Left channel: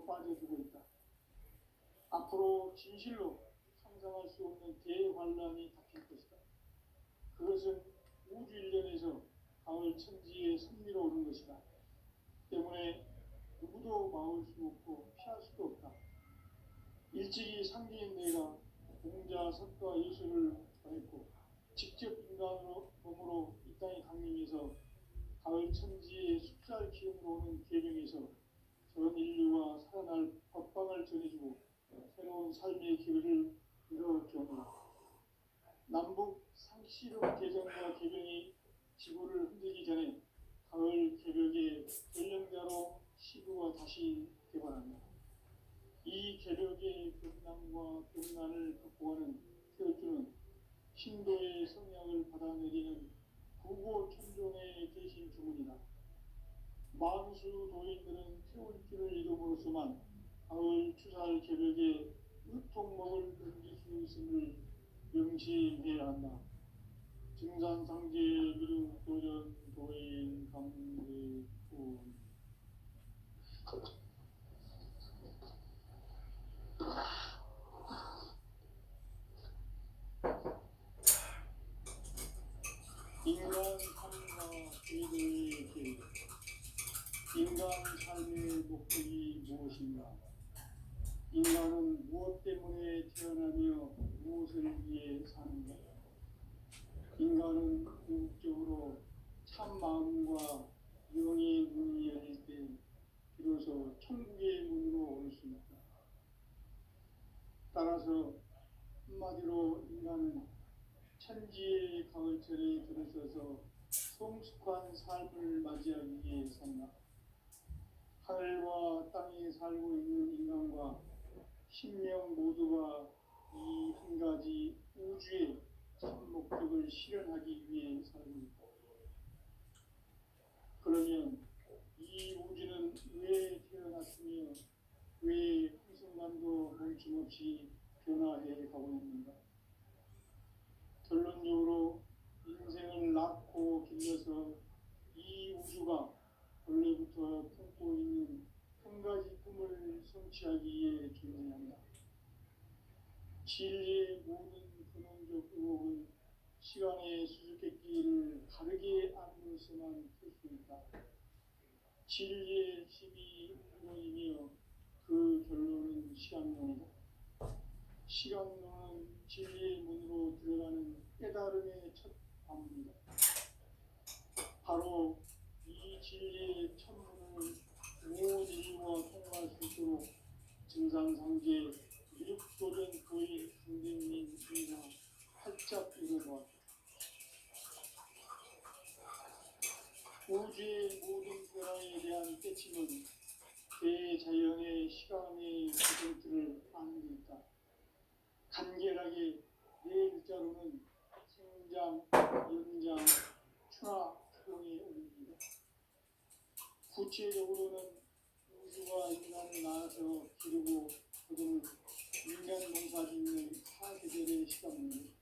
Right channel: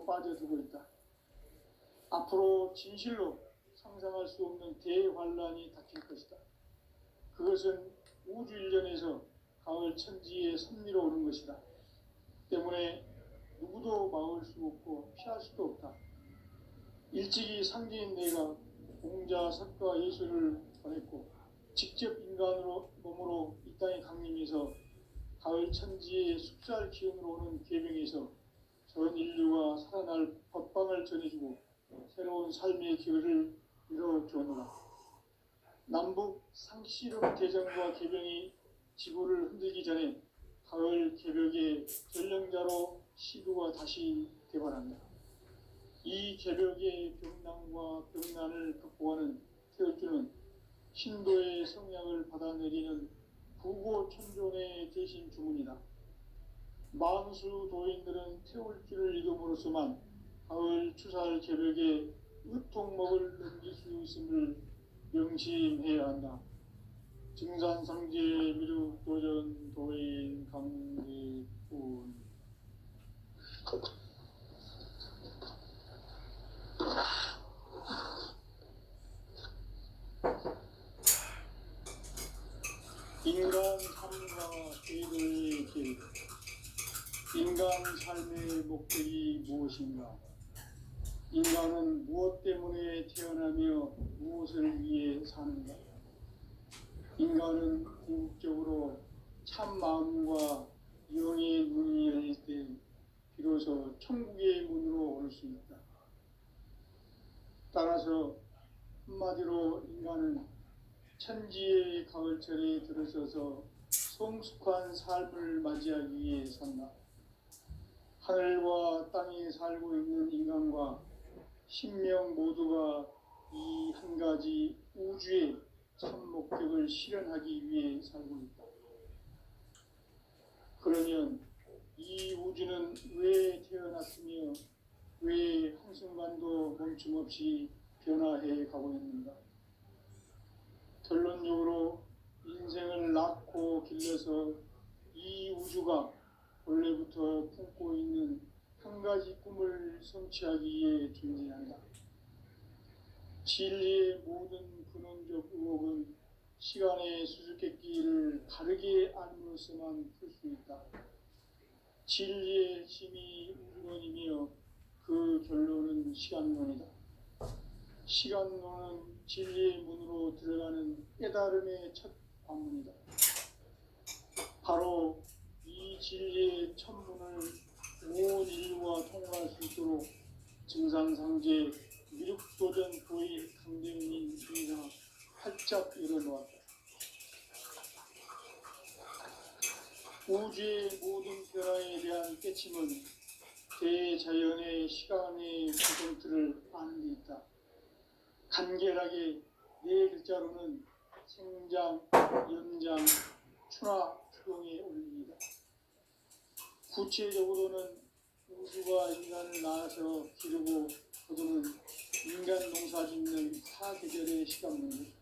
속으로 빠져들고 있다. 앞으로 진실로 상상할 수 없는 대환란이 닥칠 것이다. 그것은 우주 일련에서 가을 천지의 섭리로 오는 것이다. 때문에 누구도 막을 수 없고 피할 수도 없다. 일찍이 상제인 내가 공자, 석가, 예수를 보냈고 직접 인간으로 몸으로 이 땅에 강림해서 가을 천지의 숫살 기운으로 오는 계명에서 전 인류가 살아날 법방을 전해주고 새로운 삶의 길을 이뤄주노라. 남북 상시론 개정과 개병이 지구를 흔들기 전에 가을 개벽의 전령자로 시구가 다시 개발한다. 이 개벽의 병난과 병난을 극복하는 태울주는 신도의 성향을 받아내리는 부고천종의 대신 주문이다. 만수 도인들은 태울주를 이름으로서만 가을 추살 개벽의 으통목을 넘길 수 있음을 명심해야 한다. 증산상제 미륵 도전 도인 강대군. 인간 삶과 계도의 계도. 인간 삶의 목적이 무엇인가? 인간은 무엇 때문에 태어나며 무엇을 위해 사는가? 인간은 궁극적으로 참 마음과 영의 문이 열릴 때 비로소 천국의 문으로 올 수 있다. 따라서 한마디로 인간은 천지의 가을철에 들어서서 성숙한 삶을 맞이하기 위해 산다. 하늘과 땅에 살고 있는 인간과 신명 모두가 이 한 가지 우주의 참 목적을 실현하기 위해 살고 있다. 그러면 이 우주는 왜 태어났으며 왜 한순간도 멈춤없이 변화해 가고 있는가? 결론적으로 인생을 낳고 길러서 이 우주가 원래부터 품고 있는 한 가지 꿈을 성취하기 위해 존재한다. 진리의 모든 근원적 의혹은 시간의 수수께끼를 바르게 알므로서만 풀 수 있다. 진리의 핵심이 우주론이며 그 결론은 시간론이다. 시간론은 진리의 문으로 들어가는 깨달음의 첫 관문이다. 바로 이 진리의 천문을 온 인류가 통과할 수 있도록 증산상제 미륵도전 도의 강대훈이 인가 활짝 열어놓았다. 우주의 모든 변화에 대한 깨침은 대자연의 시간의 구성틀을 아는 데 있다. 간결하게 네 글자로는 생장, 연장, 추나 추동에 올립니다. 구체적으로는 우주가 인간을 낳아서 기르고 거두는 인간 농사 짓는 사계절의 시간입니다.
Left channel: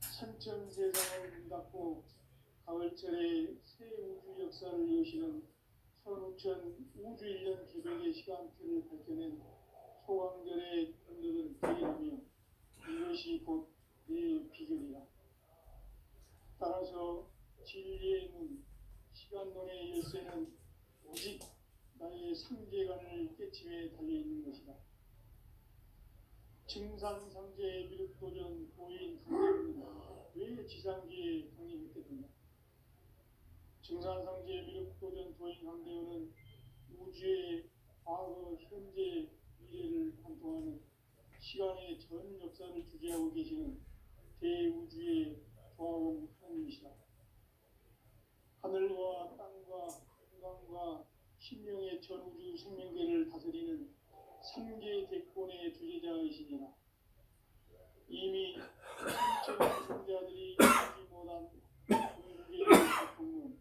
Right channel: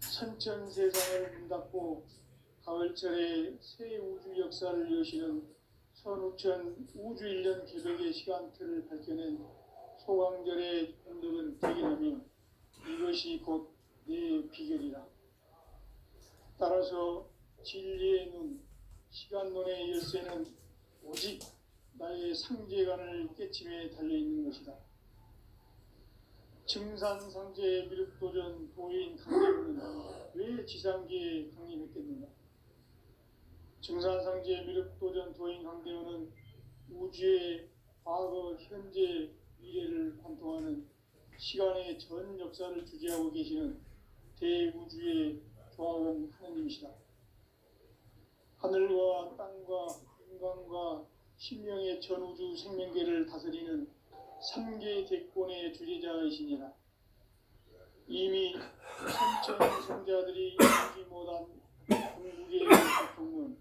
천천세상을 문 닫고 가을철에 새 우주 역사를 여시는 선우천 우주일년 개벽의 시간틀을 밝혀낸 소강절의 운동을 대견하며 이것이 곧 내 비결이라. 따라서 진리의 눈, 시간론의 열쇠는 오직 나의 상제관을 깨침에 달려있는 것이다. 증산상제 미륵도전 도인 강림은 왜 지상계에 강림했겠는가? 증산상제 미륵도전 도인 강림은 우주의 과거, 현재, 미래를 관통하는 시간의 전 역사를 주재하고 계시는 대우주의 조합원 하느님이시다. 하늘과 땅과 인간과 신명의 전우주 생명계를 다스리는 3개 대권의 주재자이시니라. 이미 천천 성자들이 이루지 못한 궁극의 고통은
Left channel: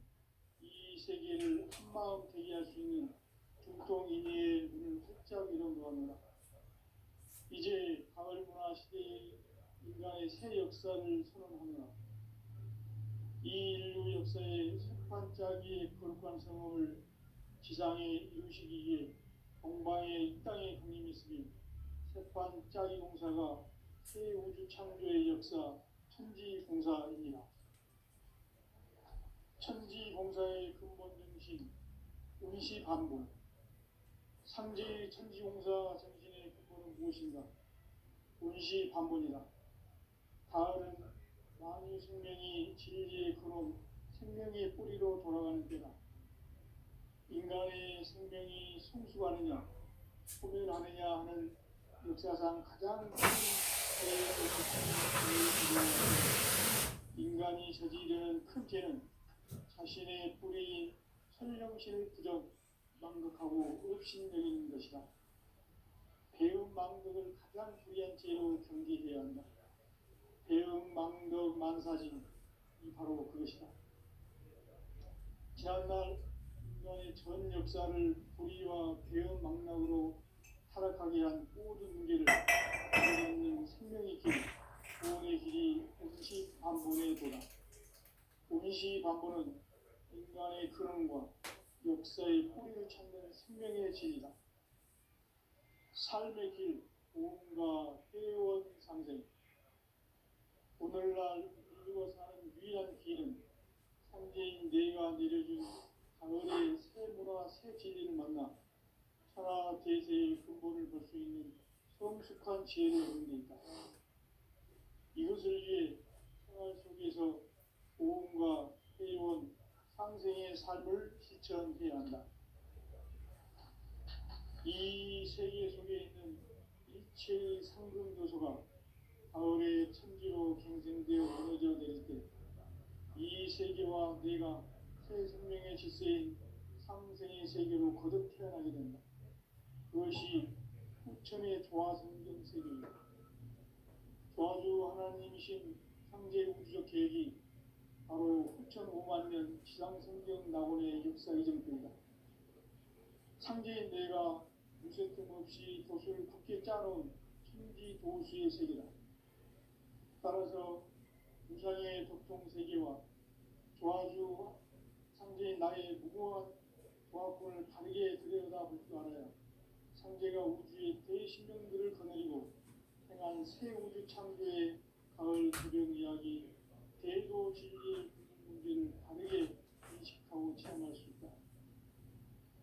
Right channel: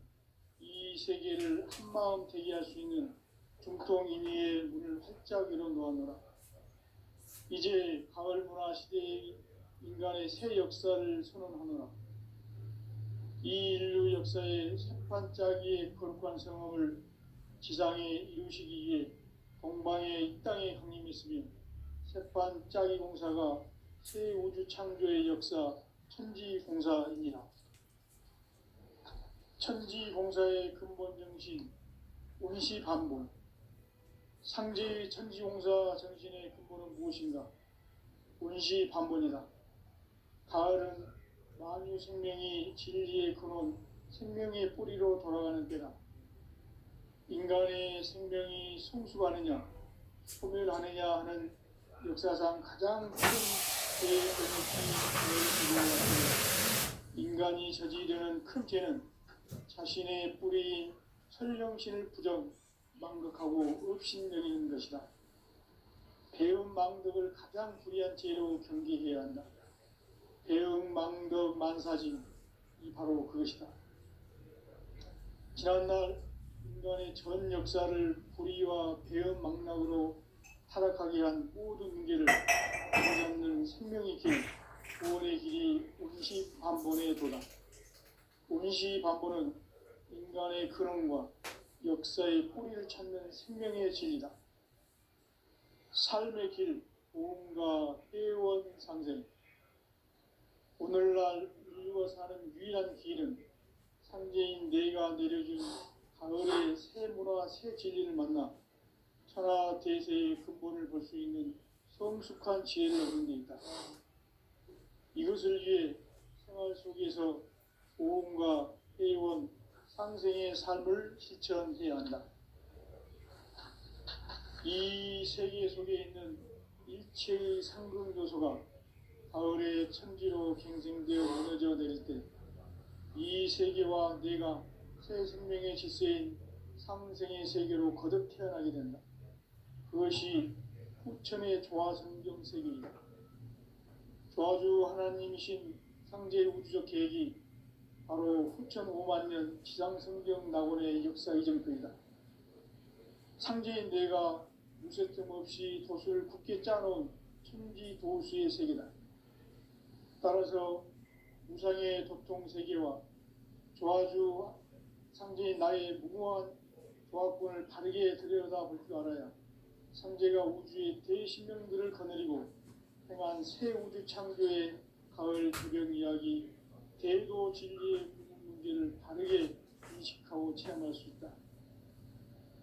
이 세계를 한마음 되게 할 수 있는 중통인의의 문을 활짝 열어놓았노라. 이제 가을 문화 시대의 인간의 새 역사를 선언하노라. 이 인류 역사의 첫 반짝이의 거룩한 성험을 지상에 이루시기 위해 동방에 이 땅에 강림했으며 새판 짜기 공사가 새 우주 창조의 역사 천지공사이니라. 천지공사의 근본 정신 운시반본. 상제의 천지공사 정신의 근본은 무엇인가? 운시반본이다. 가을은 만유 생명이 진리의 근원, 생명의 뿌리로 돌아가는 때다. 인간의 생명이 성숙하느냐, 소멸하느냐 하는 역사상 가장 큰 인간이 저지르는 큰 죄는 자신의 뿌리인 설령신을 부정, 망덕하고 업신여기는 것이다. 배음 망덕을 가장 불의한 죄로 경계해야 한다. 배음 망덕 만사진이 바로 그것이다. 지난날 인간의 전 역사를 불의와 배음 망락으로 타락하게 한 모든 문제를 잡는 생명의 길, 구원의 길이 운시반본의 도다. 운시반본은 인간의 근원과 역사의 뿌리를 찾는 생명의 진리다. 삶의 길, 보험과 회원 상생. 오늘날 인류가 사는 유일한 길은 상제인 내가 내려준 가을의 새 문화, 새 진리를 만나 천하 대세의 근본을 볼 수 있는 성숙한 지혜를 얻는 데 있다. 이것을 위해 생활 속에서 보험과 회원, 상생의 삶을 실천해야 한다. 이 세계 속에 있는 일체의 상금 요소가 가을의 천지로 갱생되어 무너져 내릴 때 이 세계와 내가 새 생명의 질서인 상생의 세계로 거듭 태어나게 된다. 그것이 후천의 조화성경 세계이다. 조화주 하나님이신 상제 우주적 계획이 바로 후천 5만 년 지상성경 낙원의 역사 이정표이다. 상제인 내가 무쇠틈 없이 돛을 굳게 짜놓은 천지도수의 세계다. 따라서 무상의 도통세계와 조화주 상제인 나의 무모한 조합권을 바르게 들여다볼 줄 알아야 상제가 우주의 대신명들을 거느리고 행한 새 우주 창조의 가을 주변 이야기, 대도 진리의 문제를 바르게 인식하고 체험할 수 있다.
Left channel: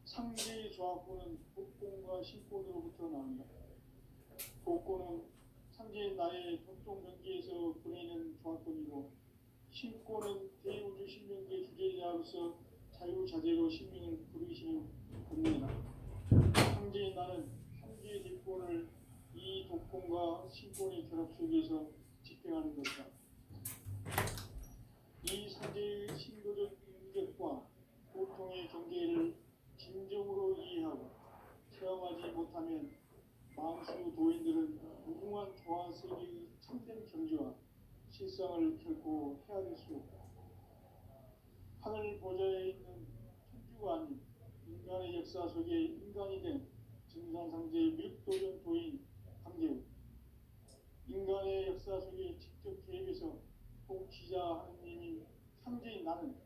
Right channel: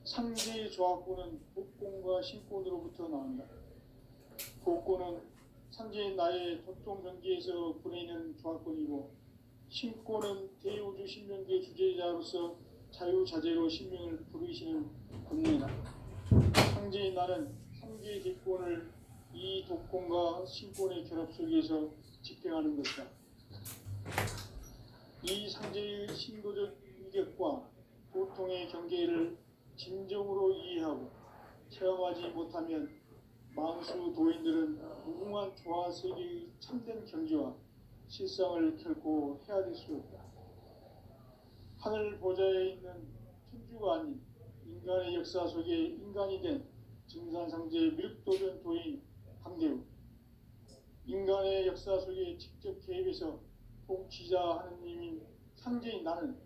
상제의 조합권은 복권과 신권으로부터 나온다. 복권은 상제인 나의 도통 경계에서 보내는 조합권이고, 신권은 대우주 신명계 주제자로서 자유자재로 신명을 부르시는 권능이다. 상제인 나는 상제의 뒷권을 이 독권과 신권의 결합 속에서 집행하는 것이다. 이 상제의 신도적 인격과 보통의 경계를 진정으로 이해하고 체험하지 못하면 만수 도인들은 무궁한 조화세계의 참된 경지와 실상을 결코 헤아릴 수 없다. 하늘 보좌에 있는 천주가 아닌 인간의 역사 속에 인간이 된 증산상제 밀도전 도인 강대우, 인간의 역사 속에 직접 개입해서 통치자 하느님인 상제인 나는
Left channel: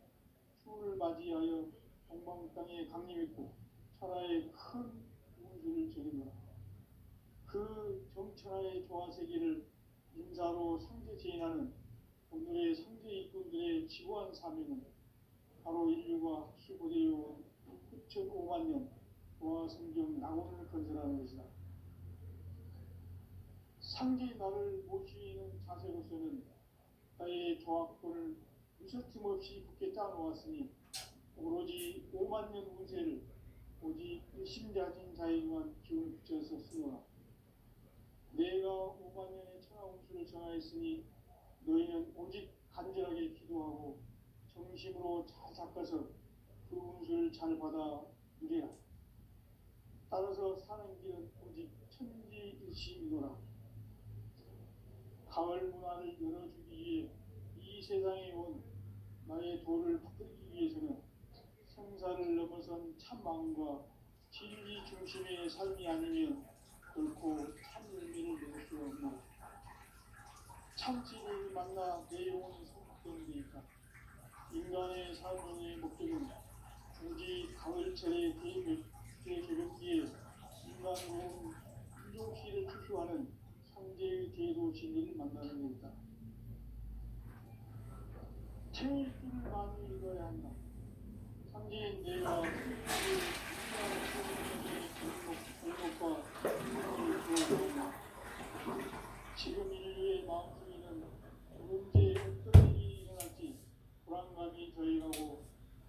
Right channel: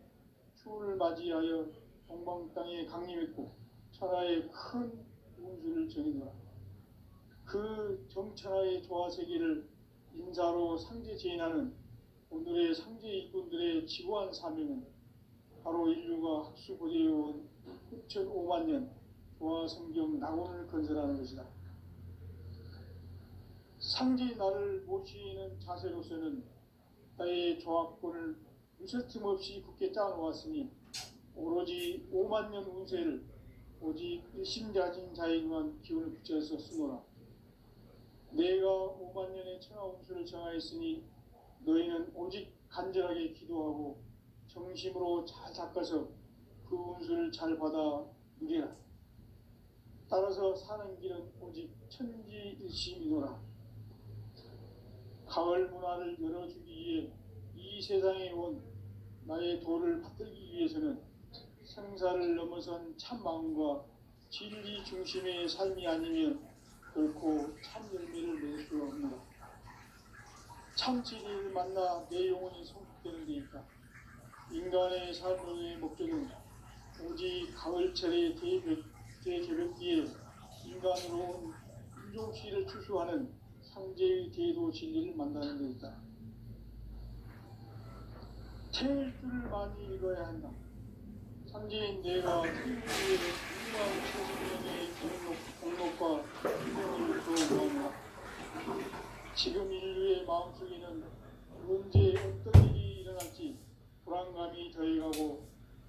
추운을 맞이하여 동방 땅에 강림했고 천하의 큰 운수를 정해놓아 그 정천하의 조화세계를 인사로 상제 제인하는 오늘의 상제 일꾼들의 지고한 사명은 바로 인류가 학수고대해온 6,5만 년 조화성경 낙원을 건설하는 것이다. 상제 나를 모시는 자세로서는 나의 조합권을 무쇠틈 없이 굳게 짜놓았으니 오로지 5만 년 운세를 오직 일심자진 자에게만 기운을 붙여서 쓰노라. 내가 5만 년의 천하 운수를 정하였으니 너희는 오직 간절하게 기도하고 정심으로 잘 닦아서 그 운수를 잘 받아 누리라. 따라서 사는 길은 오직 천지일심이노라. 가을 문화를 열어주기 위해 이 세상에 온 나의 도를 받들기 위해서는 생사를 넘어선 참 마음과 진리 중심의 삶이 아니면 결코 참 열매를 낼 수 없노라. 참 진리를 만나 내 영혼이 성숙되는 데 있다. 인간의 삶의 목적은 오직 가을철의 대개벽기에 바로 진리를 만나는 데 있다. 태울 줄을 많이 읽어야 한다. 상제인 내가 태우의 유망 천년의 공록과 편집을 보여주었다. 지금 인류의 마음속에는 언제 어떤 일이 일어날지 불안감이 더해가고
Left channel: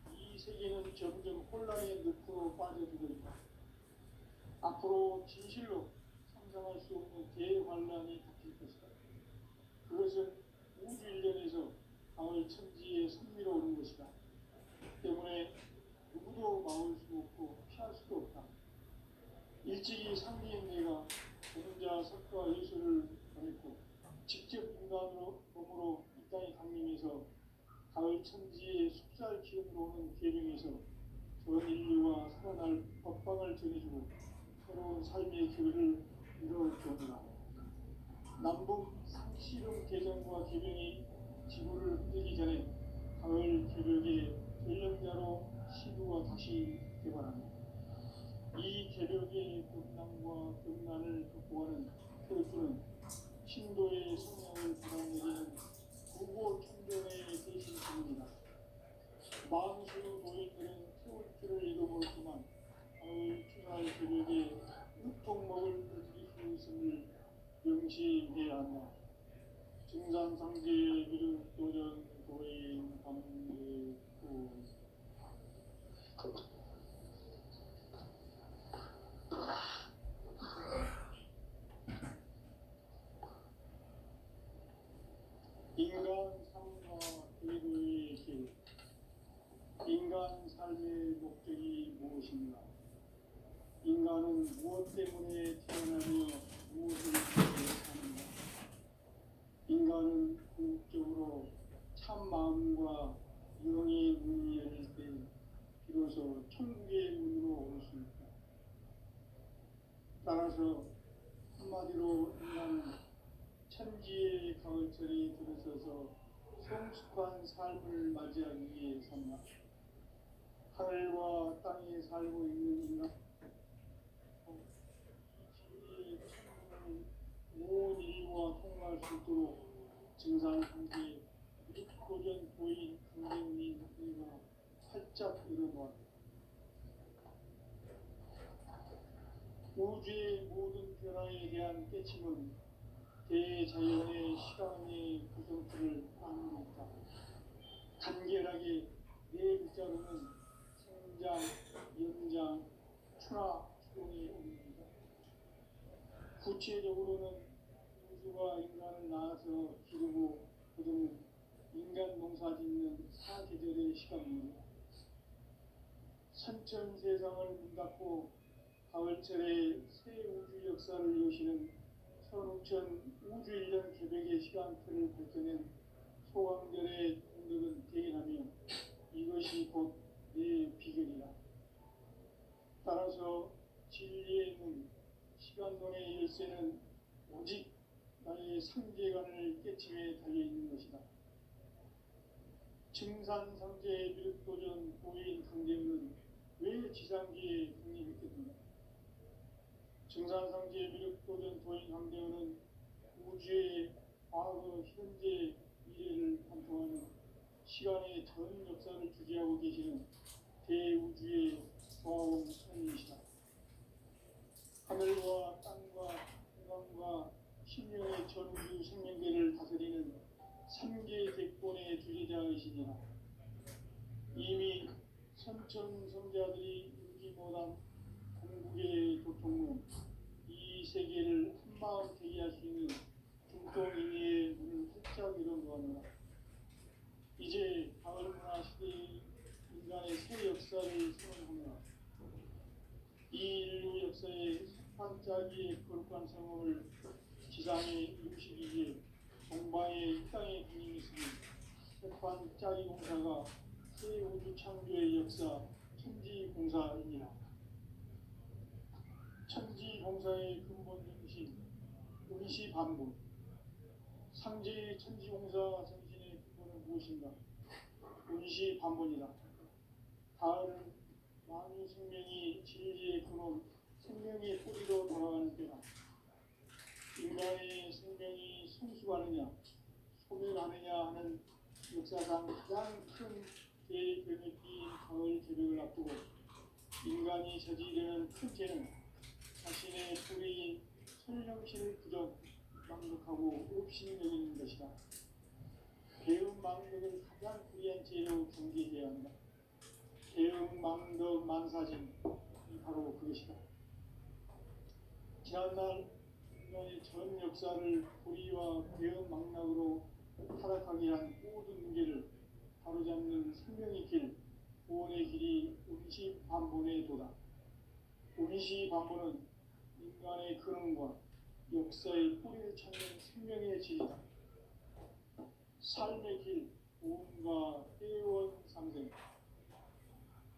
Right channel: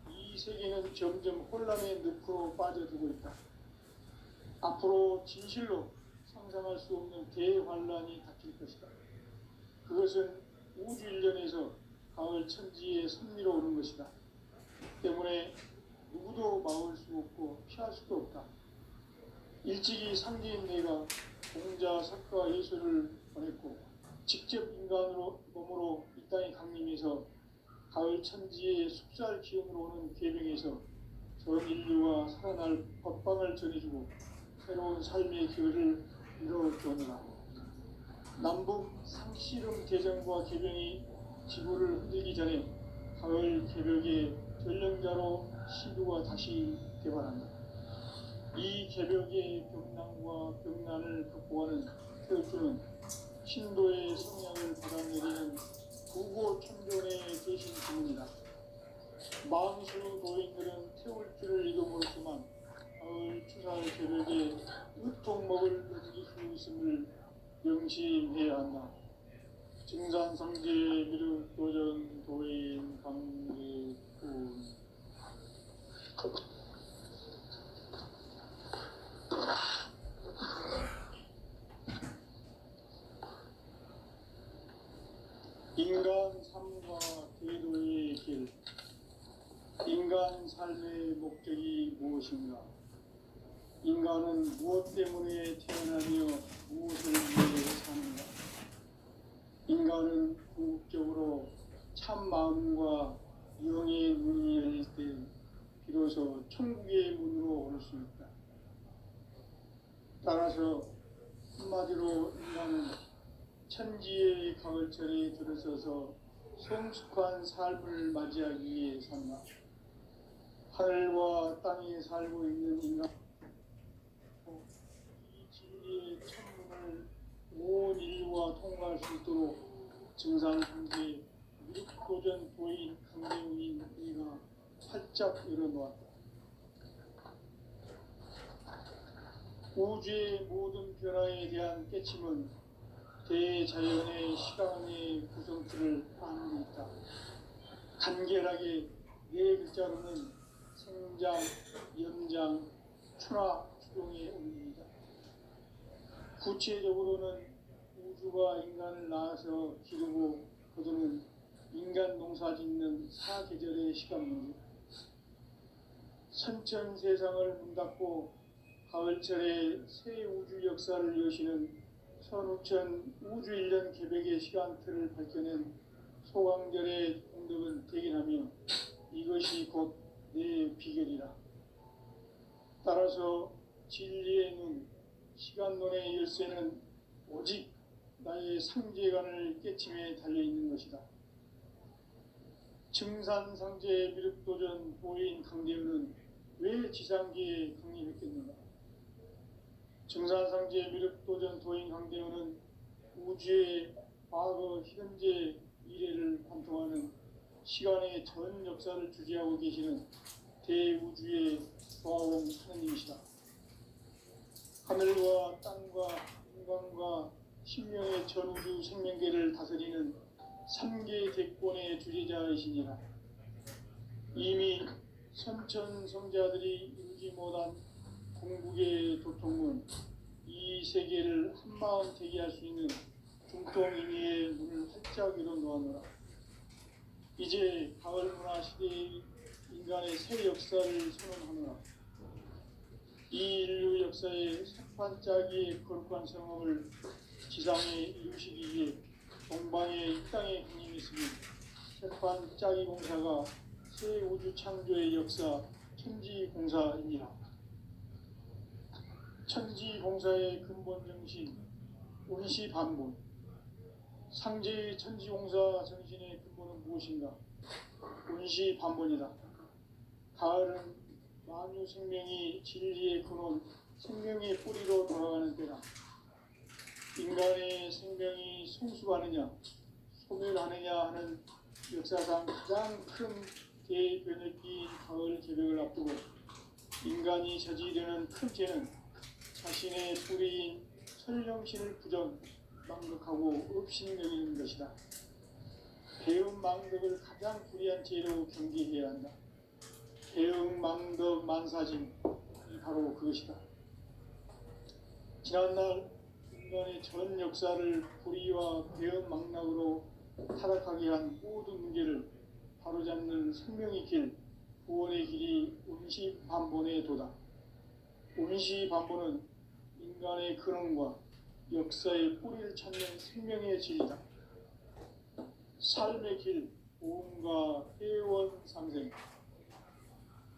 이 세계는 점점 혼란의 늪으로 빠져들고 있다. 앞으로 진실로 상상할 수 없는 대환란이 닥칠 것이다. 그것은 우주 일련에서 가을 천지의 섭리로 오는 것이다. 때문에 누구도 막을 수 없고 피할 수도 없다. 일찍이 상제인 내가 공자, 석가, 예수를 보냈고 직접 인간으로 몸으로 이 땅에 강림해서 가을 천지의 숙살 기업으로 오는 계명에서 전 인류가 살아날 법방을 전해주고 새로운 삶의 기회를 이뤄주었노라. 남북 상씨름 대전과 계명이 지구를 흔들기 전에 가을 개벽의 전령자로 시도가 다시 개발한다. 이 개벽의 벽난과 벽난을 극복하는 태울주는 신도의 성향을 받아내리는 부고 천존의 대신 주문이다. 망수 노인들은 태울주를 이겨 물었지만 가을 추살 개벽에 으통먹을 느낄 수 있음을 명심해야 한다. 증산성제 미륵도전 도인 감례군. 인간 삶과 대도의 길. 인간 삶의 목적이 무엇인가? 인간은 무엇 때문에 태어나며 무엇을 위해 사는가? 인간은 궁극적으로 참 마음과 영의 문이 열릴 때 비로소 천국의 문으로 올 수 있다. 따라서 한마디로 인간은 천지의 가을철에 들어서서 성숙한 삶을 맞이하기 위해 산다. 하늘과 땅에 살고 있는 인간, 이 진리의 천문을 온 인류가 통과할 수 있도록 증산상제 미륵도전 도인 강대웅인 이가 활짝 열어놓았다. 우주의 모든 변화에 대한 깨침은 대자연의 시간의 구성틀을 아는 데 있다. 간결하게 네 글자로는 생장, 연장, 추나 추동의 의미이다. 구체적으로는 우주가 인간을 낳아서 기르고 거두는 인간 농사 짓는 사계절의 시간문이다. 선천 세상을 문닫고 가을철에 새 우주 역사를 여시는 선우천 우주 일년 개벽의 시간틀을 밝혀낸 소강절의 공덕은 대견하며 이것이 곧 내 비결이라. 따라서 진리의 눈, 시간론의 열쇠는 오직 나의 상제관을 깨침에 달려있는 것이다. 증산상제 미륵도전 보인 강대우는 왜 지상계에 독립했겠는가? 증산상제 미륵도전 도인 강대우는 우주의 과거, 현재, 미래를 관통하는 시간의 전 역사를 주재하고 계시는 대우주의 조화원 하느님이시다. 하늘과 땅과 인간과 신명의 전우주 생명계를 다스리는 3계 대권의 주재자이시니라. 이미 선천성자들이 이루지 못한 궁극의 도통은 이 세계를 한마음 되게 할 수 있는 중통인의의 문을 활짝 열어놓았노라. 이제 가을 문화 시대의 인간의 새 역사를 선언하노라. 이 인류 역사의 색반짝이의 거룩한 성험을 지상에 이루시기 위해 동방의 이 땅에 강림했으니 색반짝이 공사가 새 우주 창조의 역사 천지공사이니라. 천지공사의 근본 정신 운시반문. 상제의 천지공사 정신의 근본은 무엇인가? 운시반문이다. 가을은 만유 생명이 진리의 근원, 생명의 뿌리로 돌아가는 때다. 인간의 생명이 풍수하느냐 소멸하느냐 하는 역사상 가장 큰 대변혁기인 가을 개벽을 앞두고 인간이 저지르는 큰 죄는 자신의 뿌리인 설령신을 부정 망덕하고 업신여기는 것이다. 배음 망덕을 가장 불의한 죄로 경계해야 한다. 배음 망덕 만사진 바로 그것이다. 지난날 인간의 전 역사를 불의와 배음 망락으로 타락하게 한 모든 문제를 바로잡는 생명의 길, 구원의 길이 운시반본의 도다. 운시반본은 인간의 근원과 역사의 뿌리를 찾는 생명의 진리다. 삶의 길, 오음과 회원 상생.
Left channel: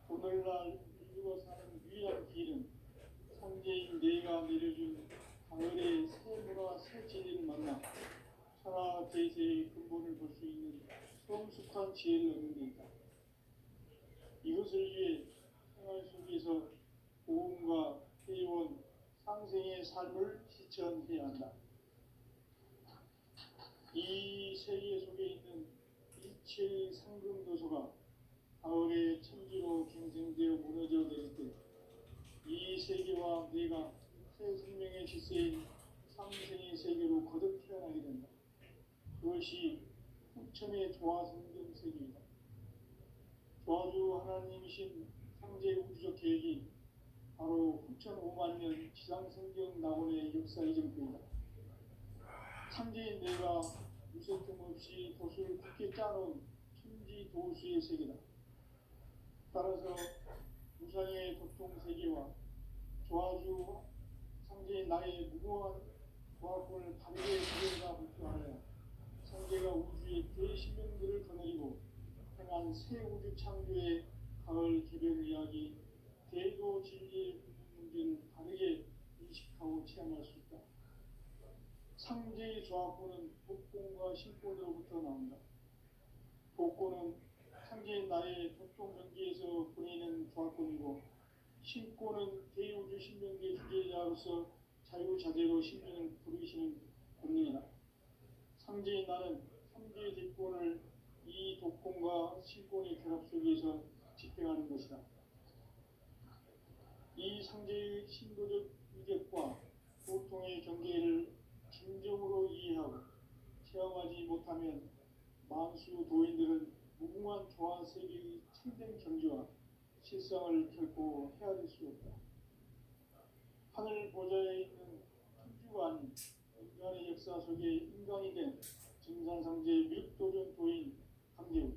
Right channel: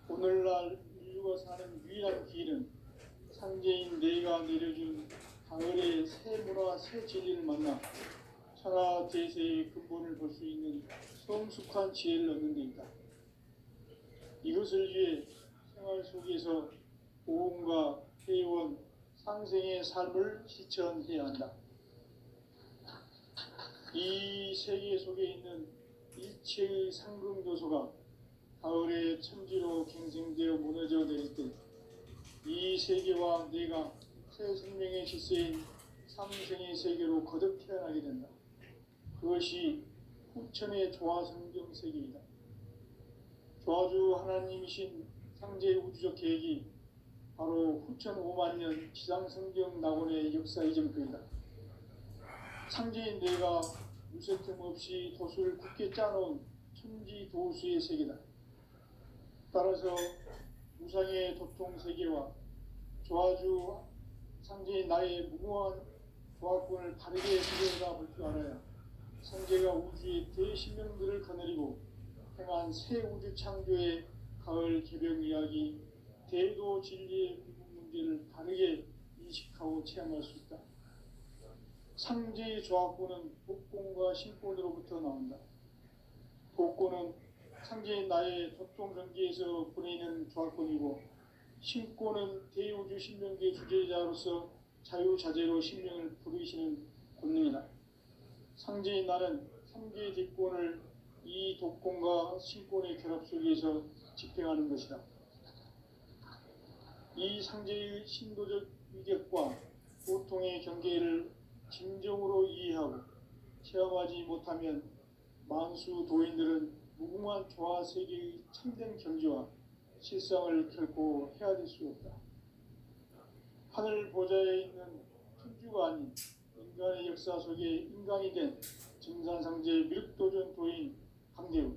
오늘날 인류가 사는 유일한 길은 상제인 내가 내려준 가을의 새 문화, 새 진리를 만나 천하 대세의 근본을 볼 수 있는 성숙한 지혜를 얻는 데 있다. 이것을 위해 생활 속에서 오음과 회원, 상생의 삶을 실천해야 한다. 이 세계 속에 있는 일체의 상금도소가 가을의 천지로 갱생되어 무너져 내릴 때 이 세계와 내가 새 생명의 질서인 상생의 세계로 거듭 태어나게 된다. 그것이 후천의 조화성경 세계이다. 조화주 하나님이신 상제의 우주적 계획이 바로 후천 5만 년 지상성경 낙원의 역사 이전표이다. 상제인 내가 무쇠틈 없이 도수를 굳게 짜놓은 천지도수의 세계다. 따라서 무상의 도통세계와 조화주 상제인 나의 무궁한 조화권을 바르게 들여다 볼 줄 알아야 상제가 우주의 대신명들을 거느리고 행한 새 우주 창조의 가을 개벽 이야기, 대도 진리의 구분 문제를 바르게 인식하고 체험할 수 있다. 상제의 조화권은 복권과 신권으로부터 나온다. 복권은 상제인 나의 도통전기에서 보내는 조화권이고, 신권은 대우주 신명계 주제자로서 자유자재로 신명을 부르시는 권능이다. 상제인 나는 상제의 뒷권을 이 독권과 신권의 결합 속에서 집행하는 것이다. 이 상제의 신도적 위격과 고통의 경계를 진정으로 이해하고 체험하지 못하면 만수 도인들은 무궁한 조화 세계의 참된 경지와 실상을 결코 헤아릴 수 없다. 하늘 보좌에 있는 천주가 아닌 인간의 역사 속에 인간이 된 증산상제 밀도전 도인 강대우,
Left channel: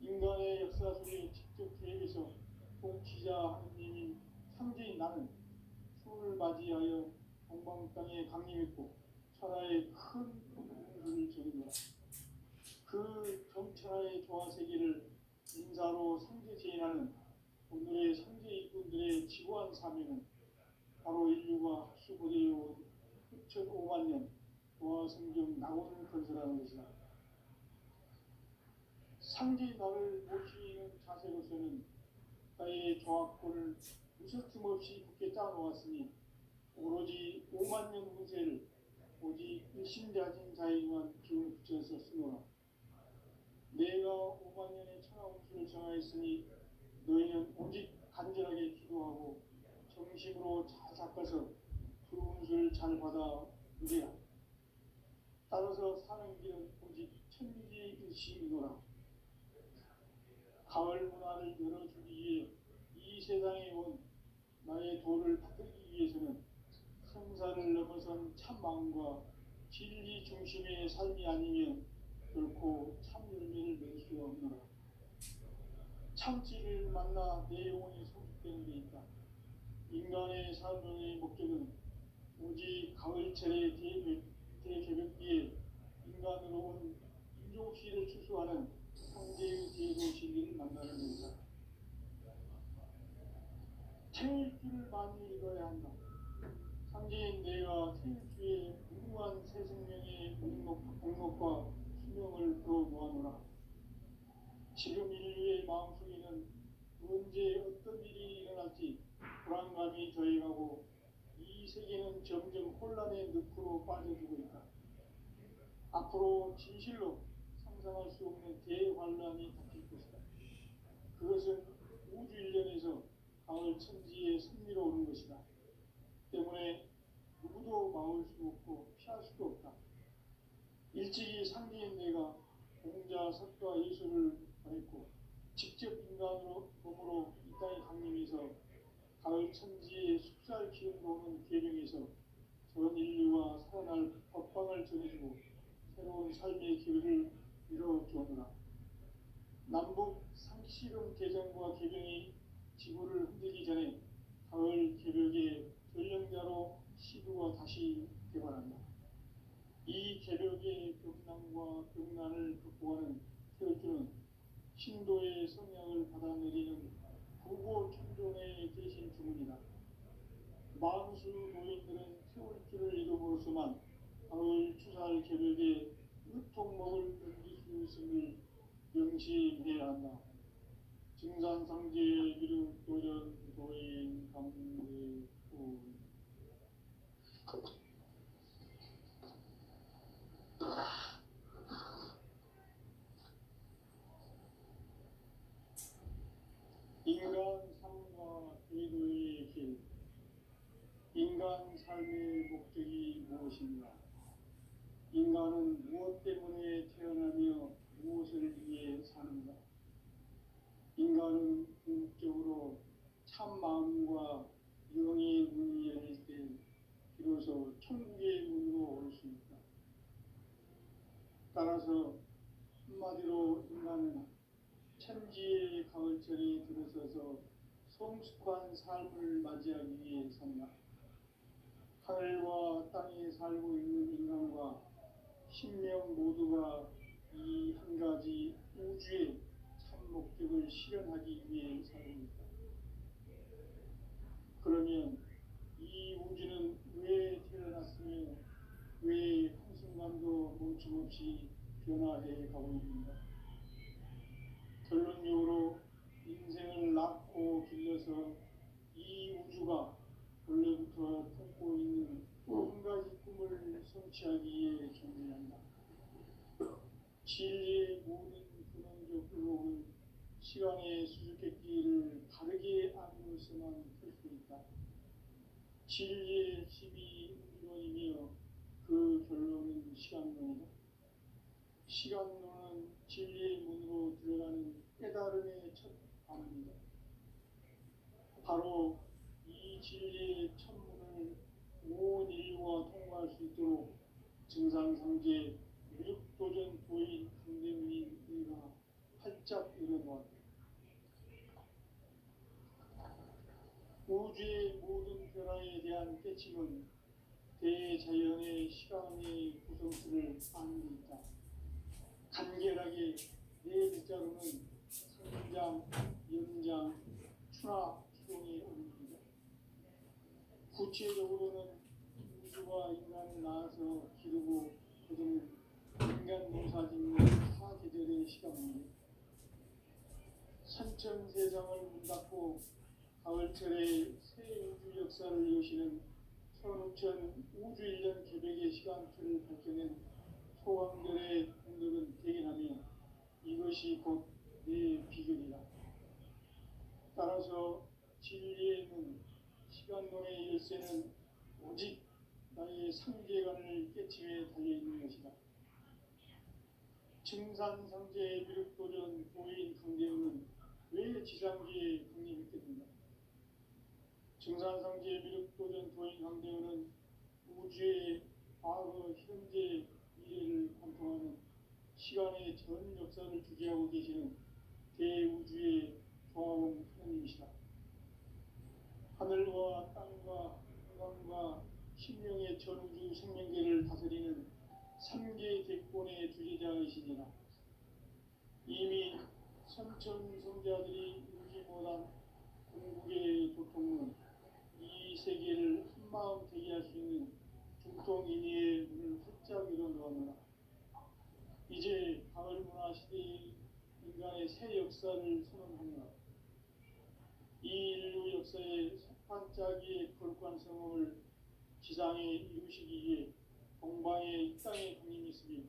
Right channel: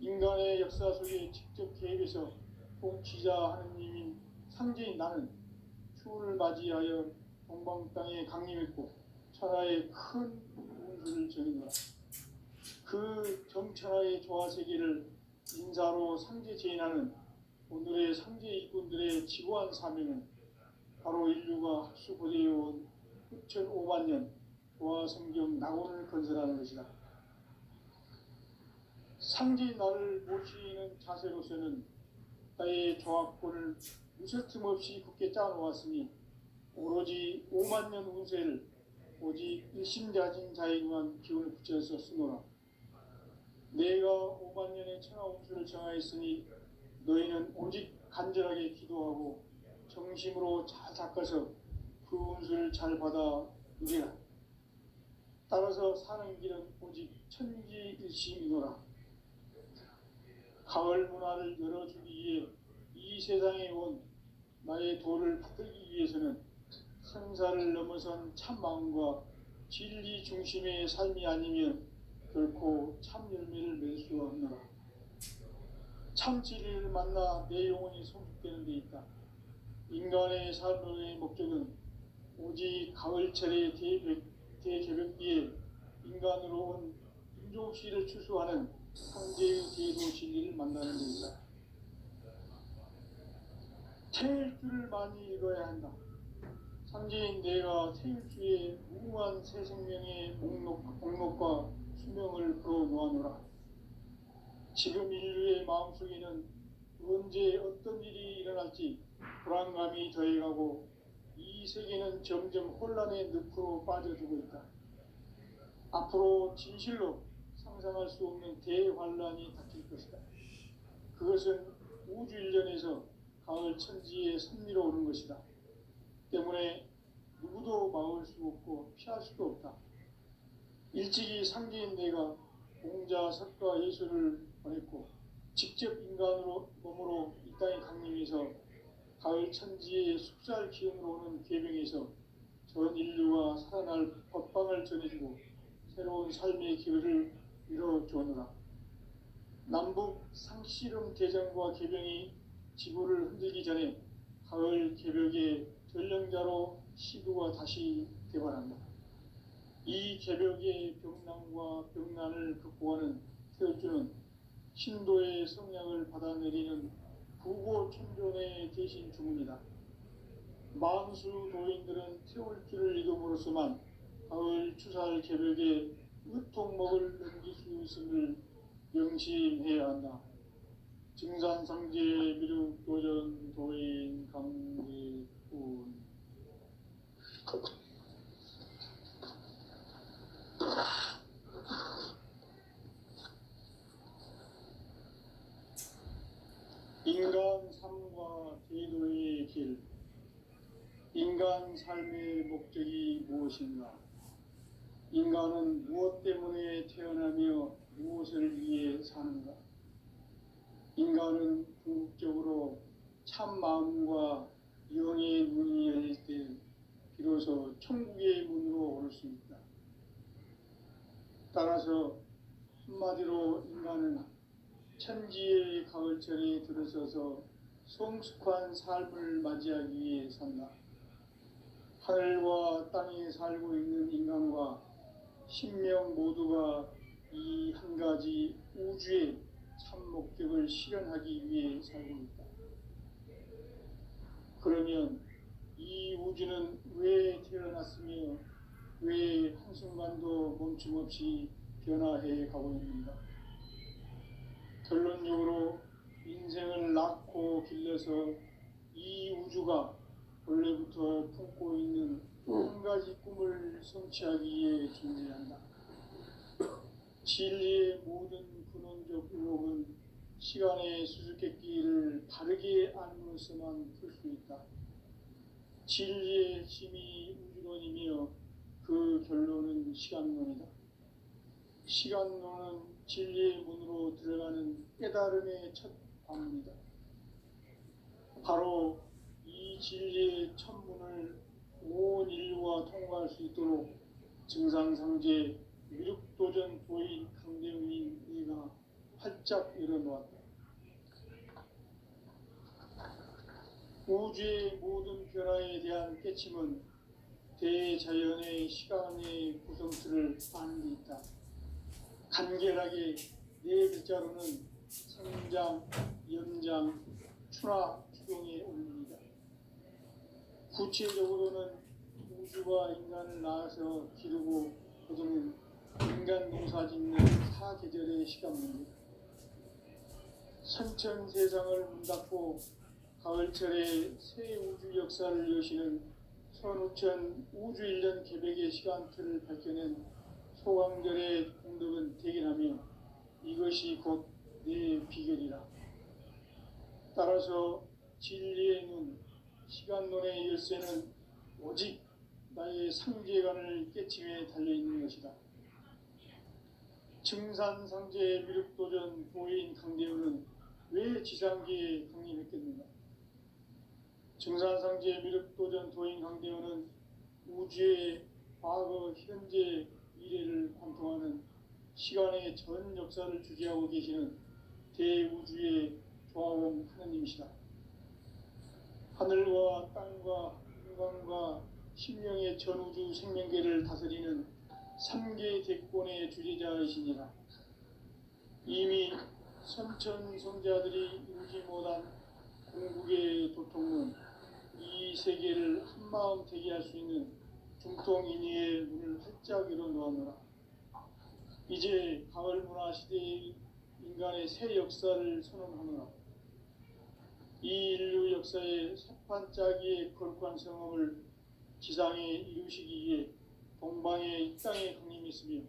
인간의 역사 속에 직접 개입해서 통치자 하느님인 상제인 나는 추운을 맞이하여 동방 땅에 강림했고 천하의 큰 운수를 전했노라. 그 정천하의 조화세계를 인사로 상제 제인하는 오늘의 상제 일꾼들의 지고한 사명은 바로 인류가 합수고대해온 후천 5만 년 조화성경 낙원을 건설하는 것이다. 상제인 나를 모시는 자세로서는 나의 조화권을 무쇠틈 없이 굳게 짜놓았으니 오로지 5만 년 운세를 오직 일심자진 자에게만 기운을 붙여서 쓰노라. 내가 5만 년의 천하 운수를 정하였으니 너희는 오직 간절하게 기도하고 정심으로 잘 닦아서 그 운수를 잘 받아 누리라. 따라서 사는 길은 오직 천지일심이노라. 가을 문화를 열어주기 위해 이 세상에 온 나의 도를 받들기 위해서는 생사를 넘어선 참마음과 진리 중심의 삶이 아니면 결코 참 열매를 맺을 수가 없노라. 참 진리를 만나 내 영혼이 성숙되는 데 있다. 인간의 삶의 목적은 오직 가을철의 대개벽기에 인간으로 온 인종시를 추수하는 상제의 대도 진리를 만나는 데 있다. 태일주를 많이 읽어야 한다. 상제인 내가 태일주의 무궁한 새 생명의 목록과 수명을 풀어놓아노라. 지금 인류의 마음속에는 언제 어떤 일이 일어날지 불안감이 더해가고 이 세계는 점점 혼란의 늪으로 빠져들고 있다. 앞으로 진실로 상상할 수 없는 대환란이 닥칠 것이다. 그것은 우주 일련에서 가을 천지의 섭리로 오는 것이다. 때문에 누구도 막을 수 없고 피할 수도 없다. 일찍이 상제인 내가 공자, 석가, 예수를 보냈고 직접 인간으로 몸으로 이 땅에 강림해서 가을 천지의 숲살 기운으로 오는 계명에서 전 인류가 살아날 법방을 전해주고 새로운 삶의 기회를 이뤄주었노라. 남북 상씨름 대전과 개병이 지구를 흔들기 전에 가을 개벽의 전령자로 시도가 다시 개발한다. 이 개벽의 병난과 병난을 극복하는 태울주는 신도의 성량을 받아내리는 부고 천존의 대신 주문이다. 만수 도인들은 태울주를 이름으로서만 가을 추살 개벽에 으통먹을 넘길 수 있음을 명심해야 한다. 증산상제 미륵 도전 도인 강대군. 인간 삶과 제도의 길. 인간 삶의 목적이 무엇인가? 인간은 무엇 때문에 태어나며 무엇을 위해 사는가? 인간은 궁극적으로 참 마음과 영의 문이 열릴 때 비로소 천국의 문으로 오를 수 있다. 따라서 한마디로 인간은 천지의 가을철에 들어서서 성숙한 삶을 맞이하기 위해 산다. 하늘과 땅에 살고 있는 인간과 신명 모두가 이 한 가지 우주의 참 목적을 실현하기 위해 살고 있다. 그러면 이 우주는 왜 태어났으며 왜 한순간도 멈춤없이 변화해 가고 있는가? 결론적으로 인생을 낳고 길러서 이 우주가 원래부터 품고 있는 한 가지 꿈을 성취하기 위해 존재한다. 진리의 모든 근원적 의혹은 시간의 수수께끼를 바르게 알므로서만 풀 수 있다. 진리의 힘이 우주론이며 그 결론은 시간론이다. 시간론은 진리의 문으로 들어가는 깨달음의 첫 관문이다. 바로 이 진리의 천문을 온 인류가 통과할 수 있도록 증상상제 미륵도전 도인 강대웅인 내가 활짝 열어놓았다. 우주의 모든 변화에 대한 깨침은 대자연의 시간의 구성틀을 아는 데 있다. 간결하게 네 글자로는 성장, 연장, 추나 추동의 원리이다. 구체적으로는 우주가 인간을 낳아서 기르고 거두는 인간 농사 짓는 사계절의 시간입니다. 선천 세상을 문 닫고 가을철에 새 우주 역사를 여시는 선우천 우주 1년 개백의 시간틀을 밝혀낸 소강절의 공덕은 대견하며 이것이 곧 내 비결이라. 따라서 진리의 눈, 시간론의 열쇠는 오직 나의 상제관을 깨침에 달려있는 것이다. 증산상제 미륵도전 도인 강대우는 왜 지상계에 강림했겠는가? 증산상제 미륵도전 도인 강대우는 우주의 과거, 현재, 미래를 관통하는 시간의 전 역사를 주재하고 계시는 대우주의 조화원 하느님이시다. 하늘과 땅과 인간과 심령의 전우주 생명계를 다스리는 3계 대권의 주재자이시니라. 이미 선천성자들이 울지 못한 궁극의 도통은 이 세계를 한마음 되게 할 수 있는 중통인의의 문을 활짝 열어놓았노라. 이제 가을 문화 시대의 인간의 새 역사를 선언하노라. 이 인류 역사의 석판짜기의 거룩한 성험을 지상에 이루시기 위해 동방에 이 땅에 강림했으며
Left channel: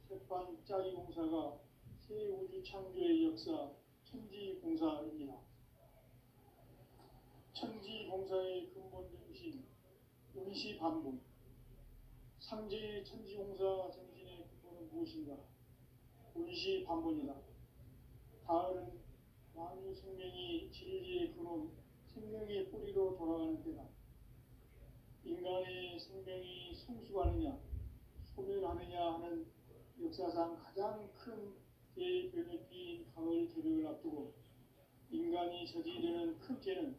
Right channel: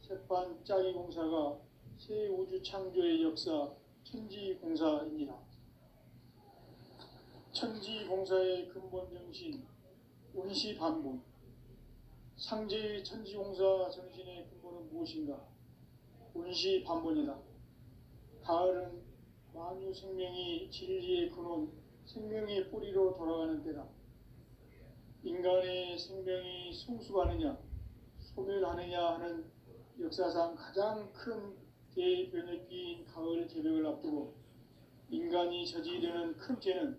새판 짜기 공사가 새 우주 창조의 역사 천지공사입니다. 천지공사의 근본 정신 운시반본. 상제의 천지공사 정신의 근본은 무엇인가? 운시반본이다. 가을은 만유 생명이 진리의 근원, 생명의 뿌리로 돌아가는 때다. 인간의 생명이 성숙하느냐, 소멸하느냐 하는 역사상 가장 큰 대변혁기인 가을 개벽을 앞두고 인간이 저지르는 큰 죄는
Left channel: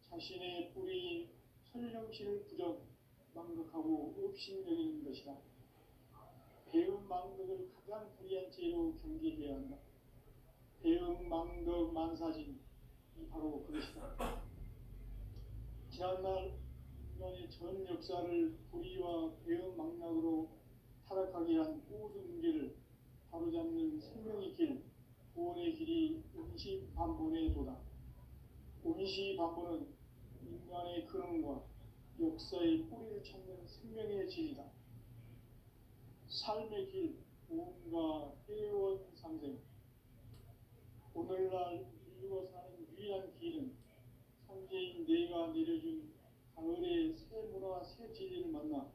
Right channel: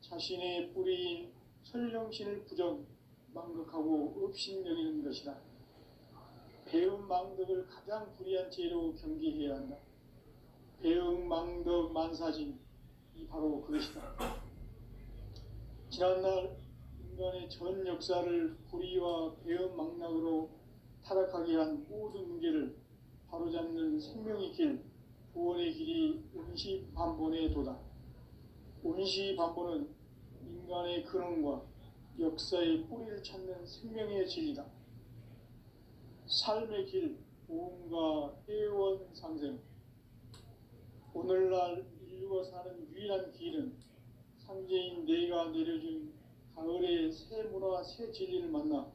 자신의 뿌리인 설령신을 부정, 망극하고 업신여기는 것이다. 배움 망덕을 가장 불의한 죄로 경계해야 한다. 배움 망덕 만사진, 이 바로 그것이다. 지난날 인간의 전 역사를 불의와 배움 망락으로 타락하게 한 모든 문제를 바로잡는 생명의 길, 구원의 길이 운시반본의 도다. 운시반본은 인간의 근원과 역사의 뿌리를 찾는 생명의 진리다. 삶의 길, 보험과 회원 상생. 오늘날 인류가 사는 유일한 길은 상제인 내가 내려준 가을의 새 문화, 새 진리를 만나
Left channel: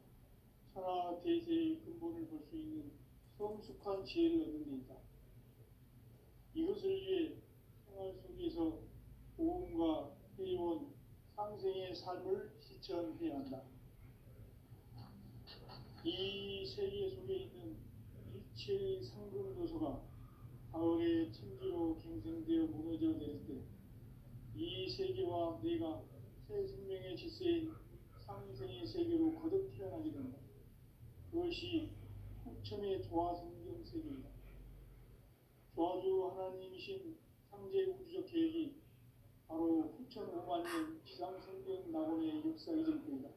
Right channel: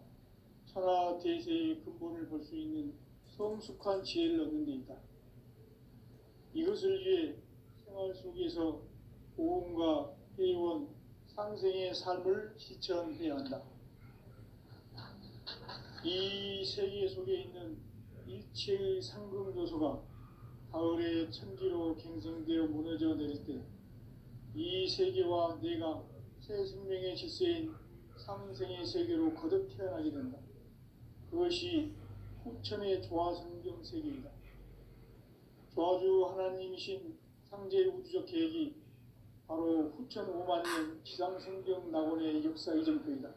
천하 대세의 근본을 볼 수 있는 성숙한 지혜를 얻는 데 있다. 이것을 위해 생활 속에서 보험과 회원, 상생의 삶을 실천해야 한다. 이 세계 속에 있는 일체의 상급 요소가 가을의 천지로 갱생되어 무너져 내릴 때 이 세계와 내가 새 생명의 질서인 상생의 세계로 거듭 태어나게 된다. 그것이 후천의 조화성경 세계이다. 조화주 하나님이신 상제 우주적 계획이 바로 후천 5만년 지상성경 낙원의 역사 이정표이다.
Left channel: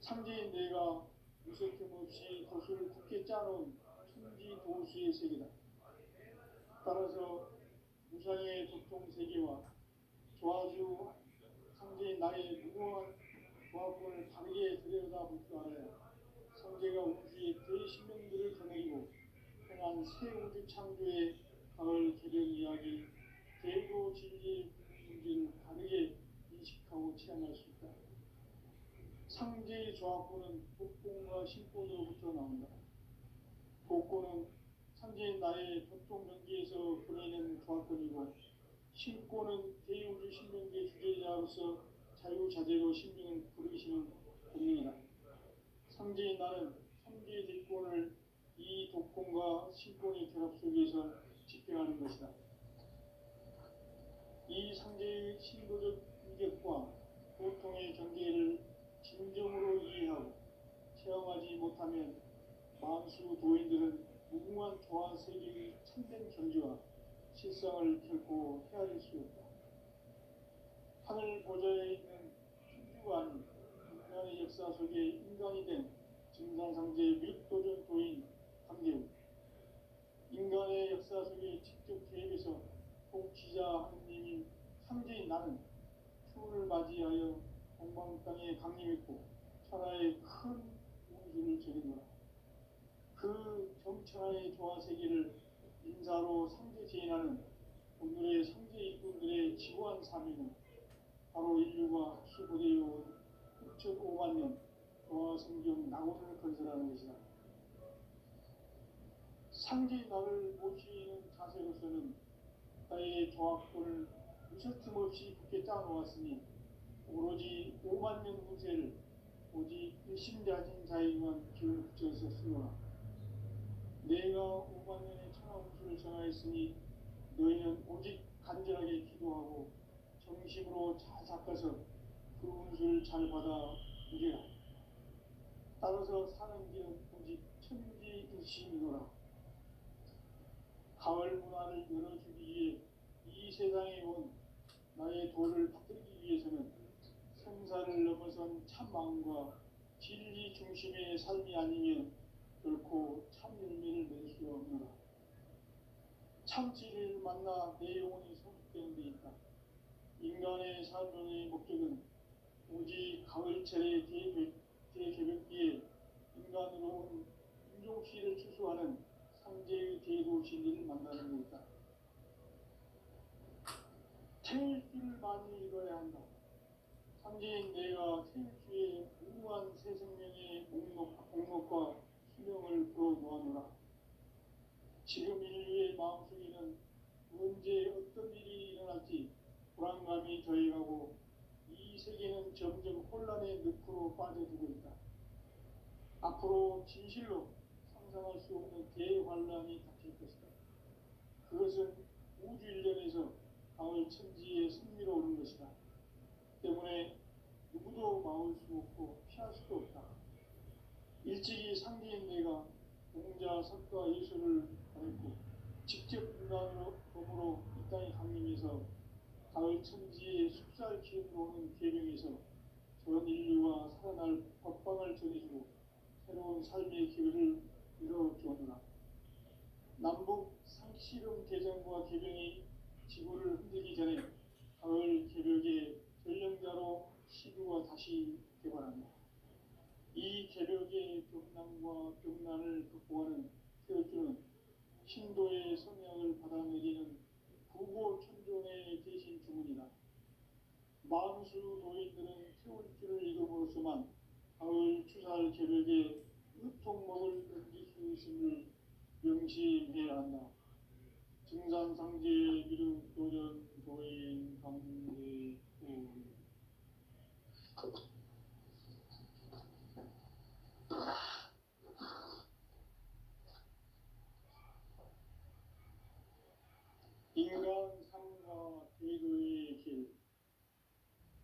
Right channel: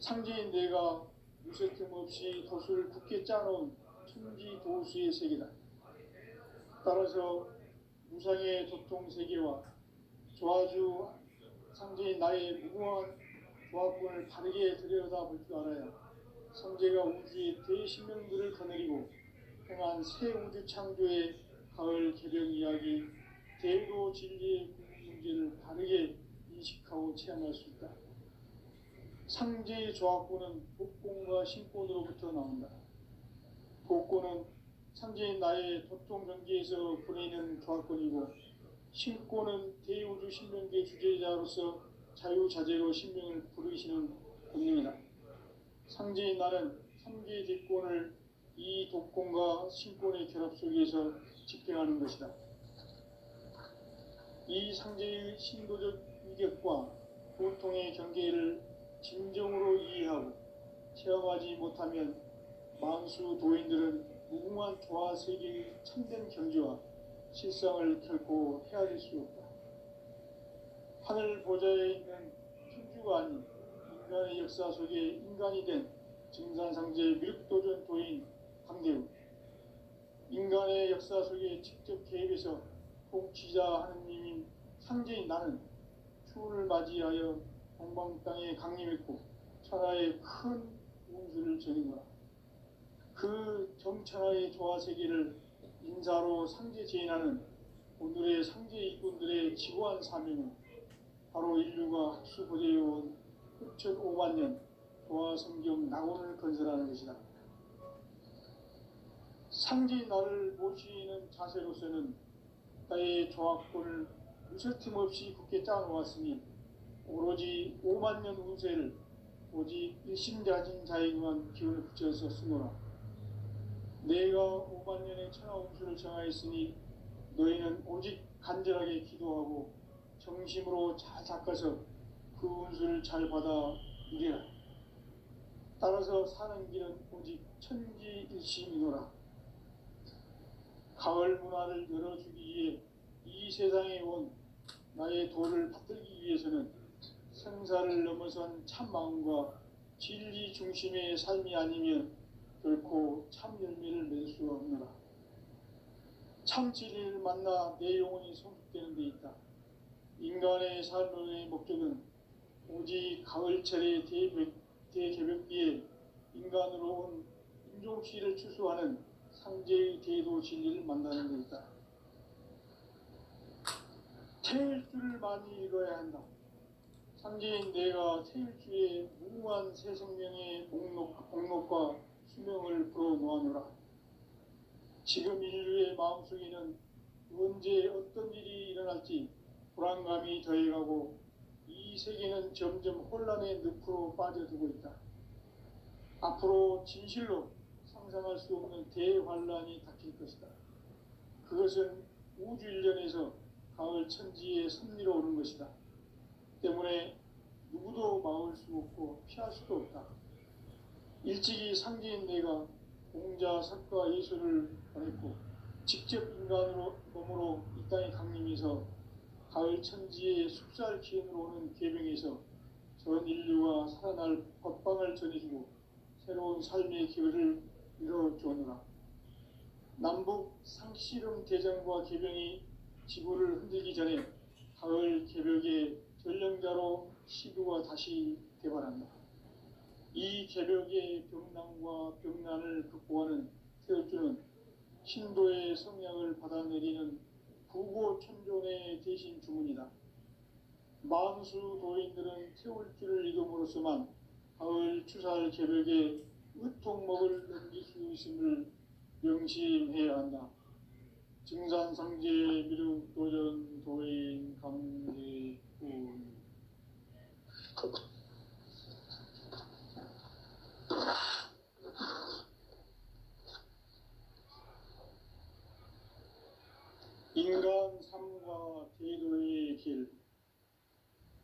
상제인 내가 무쇠틈 없이 돛을 굳게 짜놓은 천지 도수의 세계다. 따라서 무상의 도통세계와 조화주 상제인 나의 무궁한 조합권을 바르게 들여다볼 줄 알아야 상제가 우주의 대신명들을 거느리고 행한 새 우주 창조의 가을 개벽 이야기, 대로 진리의 문제를 바르게 인식하고 체험할 수 있다. 상제의 조합권은 복권과 신권으로부터 나온다. 복권은 상제인 나의 도통경계에서 보내는 조합권이고, 신권은 대우주 신명계 주제자로서 자유자재로 신명을 부르시는 권능이다. 상제인 나는 상제의 대권을 이 독권과 신권의 결합 속에서 집행하는 것이다. 이 상제의 신도적 위격과 보통의 경계를 진정으로 이해하고 체험하지 못하면 만수 도인들은 무궁한 조화 세계의 참된 경지와 실상을 결코 헤아릴 수 없다. 하늘 보좌에 있는 천주가 아닌 인간의 역사 속에 인간이 된 증산상제 밀도전 도인 강대우, 인간의 역사 속에 직접 개입해서 통치자 하느님인 상제인 나는 추운을 맞이하여 동방 땅에 강림했고 천하의 큰 운수를 전인 거라. 그 정천하의 조화 세계를 인사로 상제 제인하는 오늘의 상제 일꾼들의 지고한 사명은 바로 인류가 학수고대해온 6,5만 년 조화 성경 낙원을 건설하는 것이다. 상제인 나를 모시는 자세로서는 나의 조합권을 무쇠틈 없이 굳게 짜놓았으니 오로지 5만 년 운세를 오직 일심자진 자에게만 기운을 붙여서 쓰노라. 내가 5만 년의 천하 운수를 정하였으니 너희는 오직 간절하게 기도하고 정심으로 잘 닦아서 그 운수를 잘 받아 누리라. 따라서 사는 길은 오직 천지일심이노라. 가을 문화를 열어주기 위해 이 세상에 온 나의 도를 받들기 위해서는 생사를 넘어선 참마음과 진리 중심의 삶이 아니면 결코 참 열매를 맺을 수 없노라. 참 진리를 만나 내 영혼이 성숙되는 데 있다. 인간의 삶의 목적은 오직 가을철의 대개벽기에 인간으로 온 인종시를 추수하는 상제의 대도 진리를 만나는 것이다. 태일주를 많이 읽어야 한다. 상제인 내가 태일주의 무궁한 새 생명의 목록과 수명을 풀어놓아노라. 지금 인류의 마음속에는 언제 어떤 일이 일어날지 불안감이 더해가고 이 세계는 점점 혼란의 늪으로 빠져들고 있다. 앞으로 진실로 상상할 수 없는 대환란이 닥칠 것이다. 그것은 우주 일련에서 가을 천지의 섭리로 오는 것이다. 때문에 누구도 막을 수 없고 피할 수도 없다. 일찍이 상제인 내가 공자, 석가, 예수를 보냈고 직접 인간으로 몸으로 이 땅에 강림해서 가을 천지의 숙살 기운으로 오는 계명에서 전 인류가 살아날 법방을 전해주고 새로운 삶의 기회를 이뤄주었노라. 남북 상씨름 대전과 계병이 지구를 흔들기 전에 가을 개벽의 전령자로 시구가 다시 개발한다. 이 개벽의 병난과 병난을 극복하는 태울주는 신도의 성량을 받아내리는 부고천존의 대신 주문이다. 만수 도인들은 태울주를 이름으로서만 가을 추살 개벽의 으통목을 넘길 수 있음을 명심해야 한다. 증산상제 미륵도전 도인 강대운 인간 삶과 대도의 길.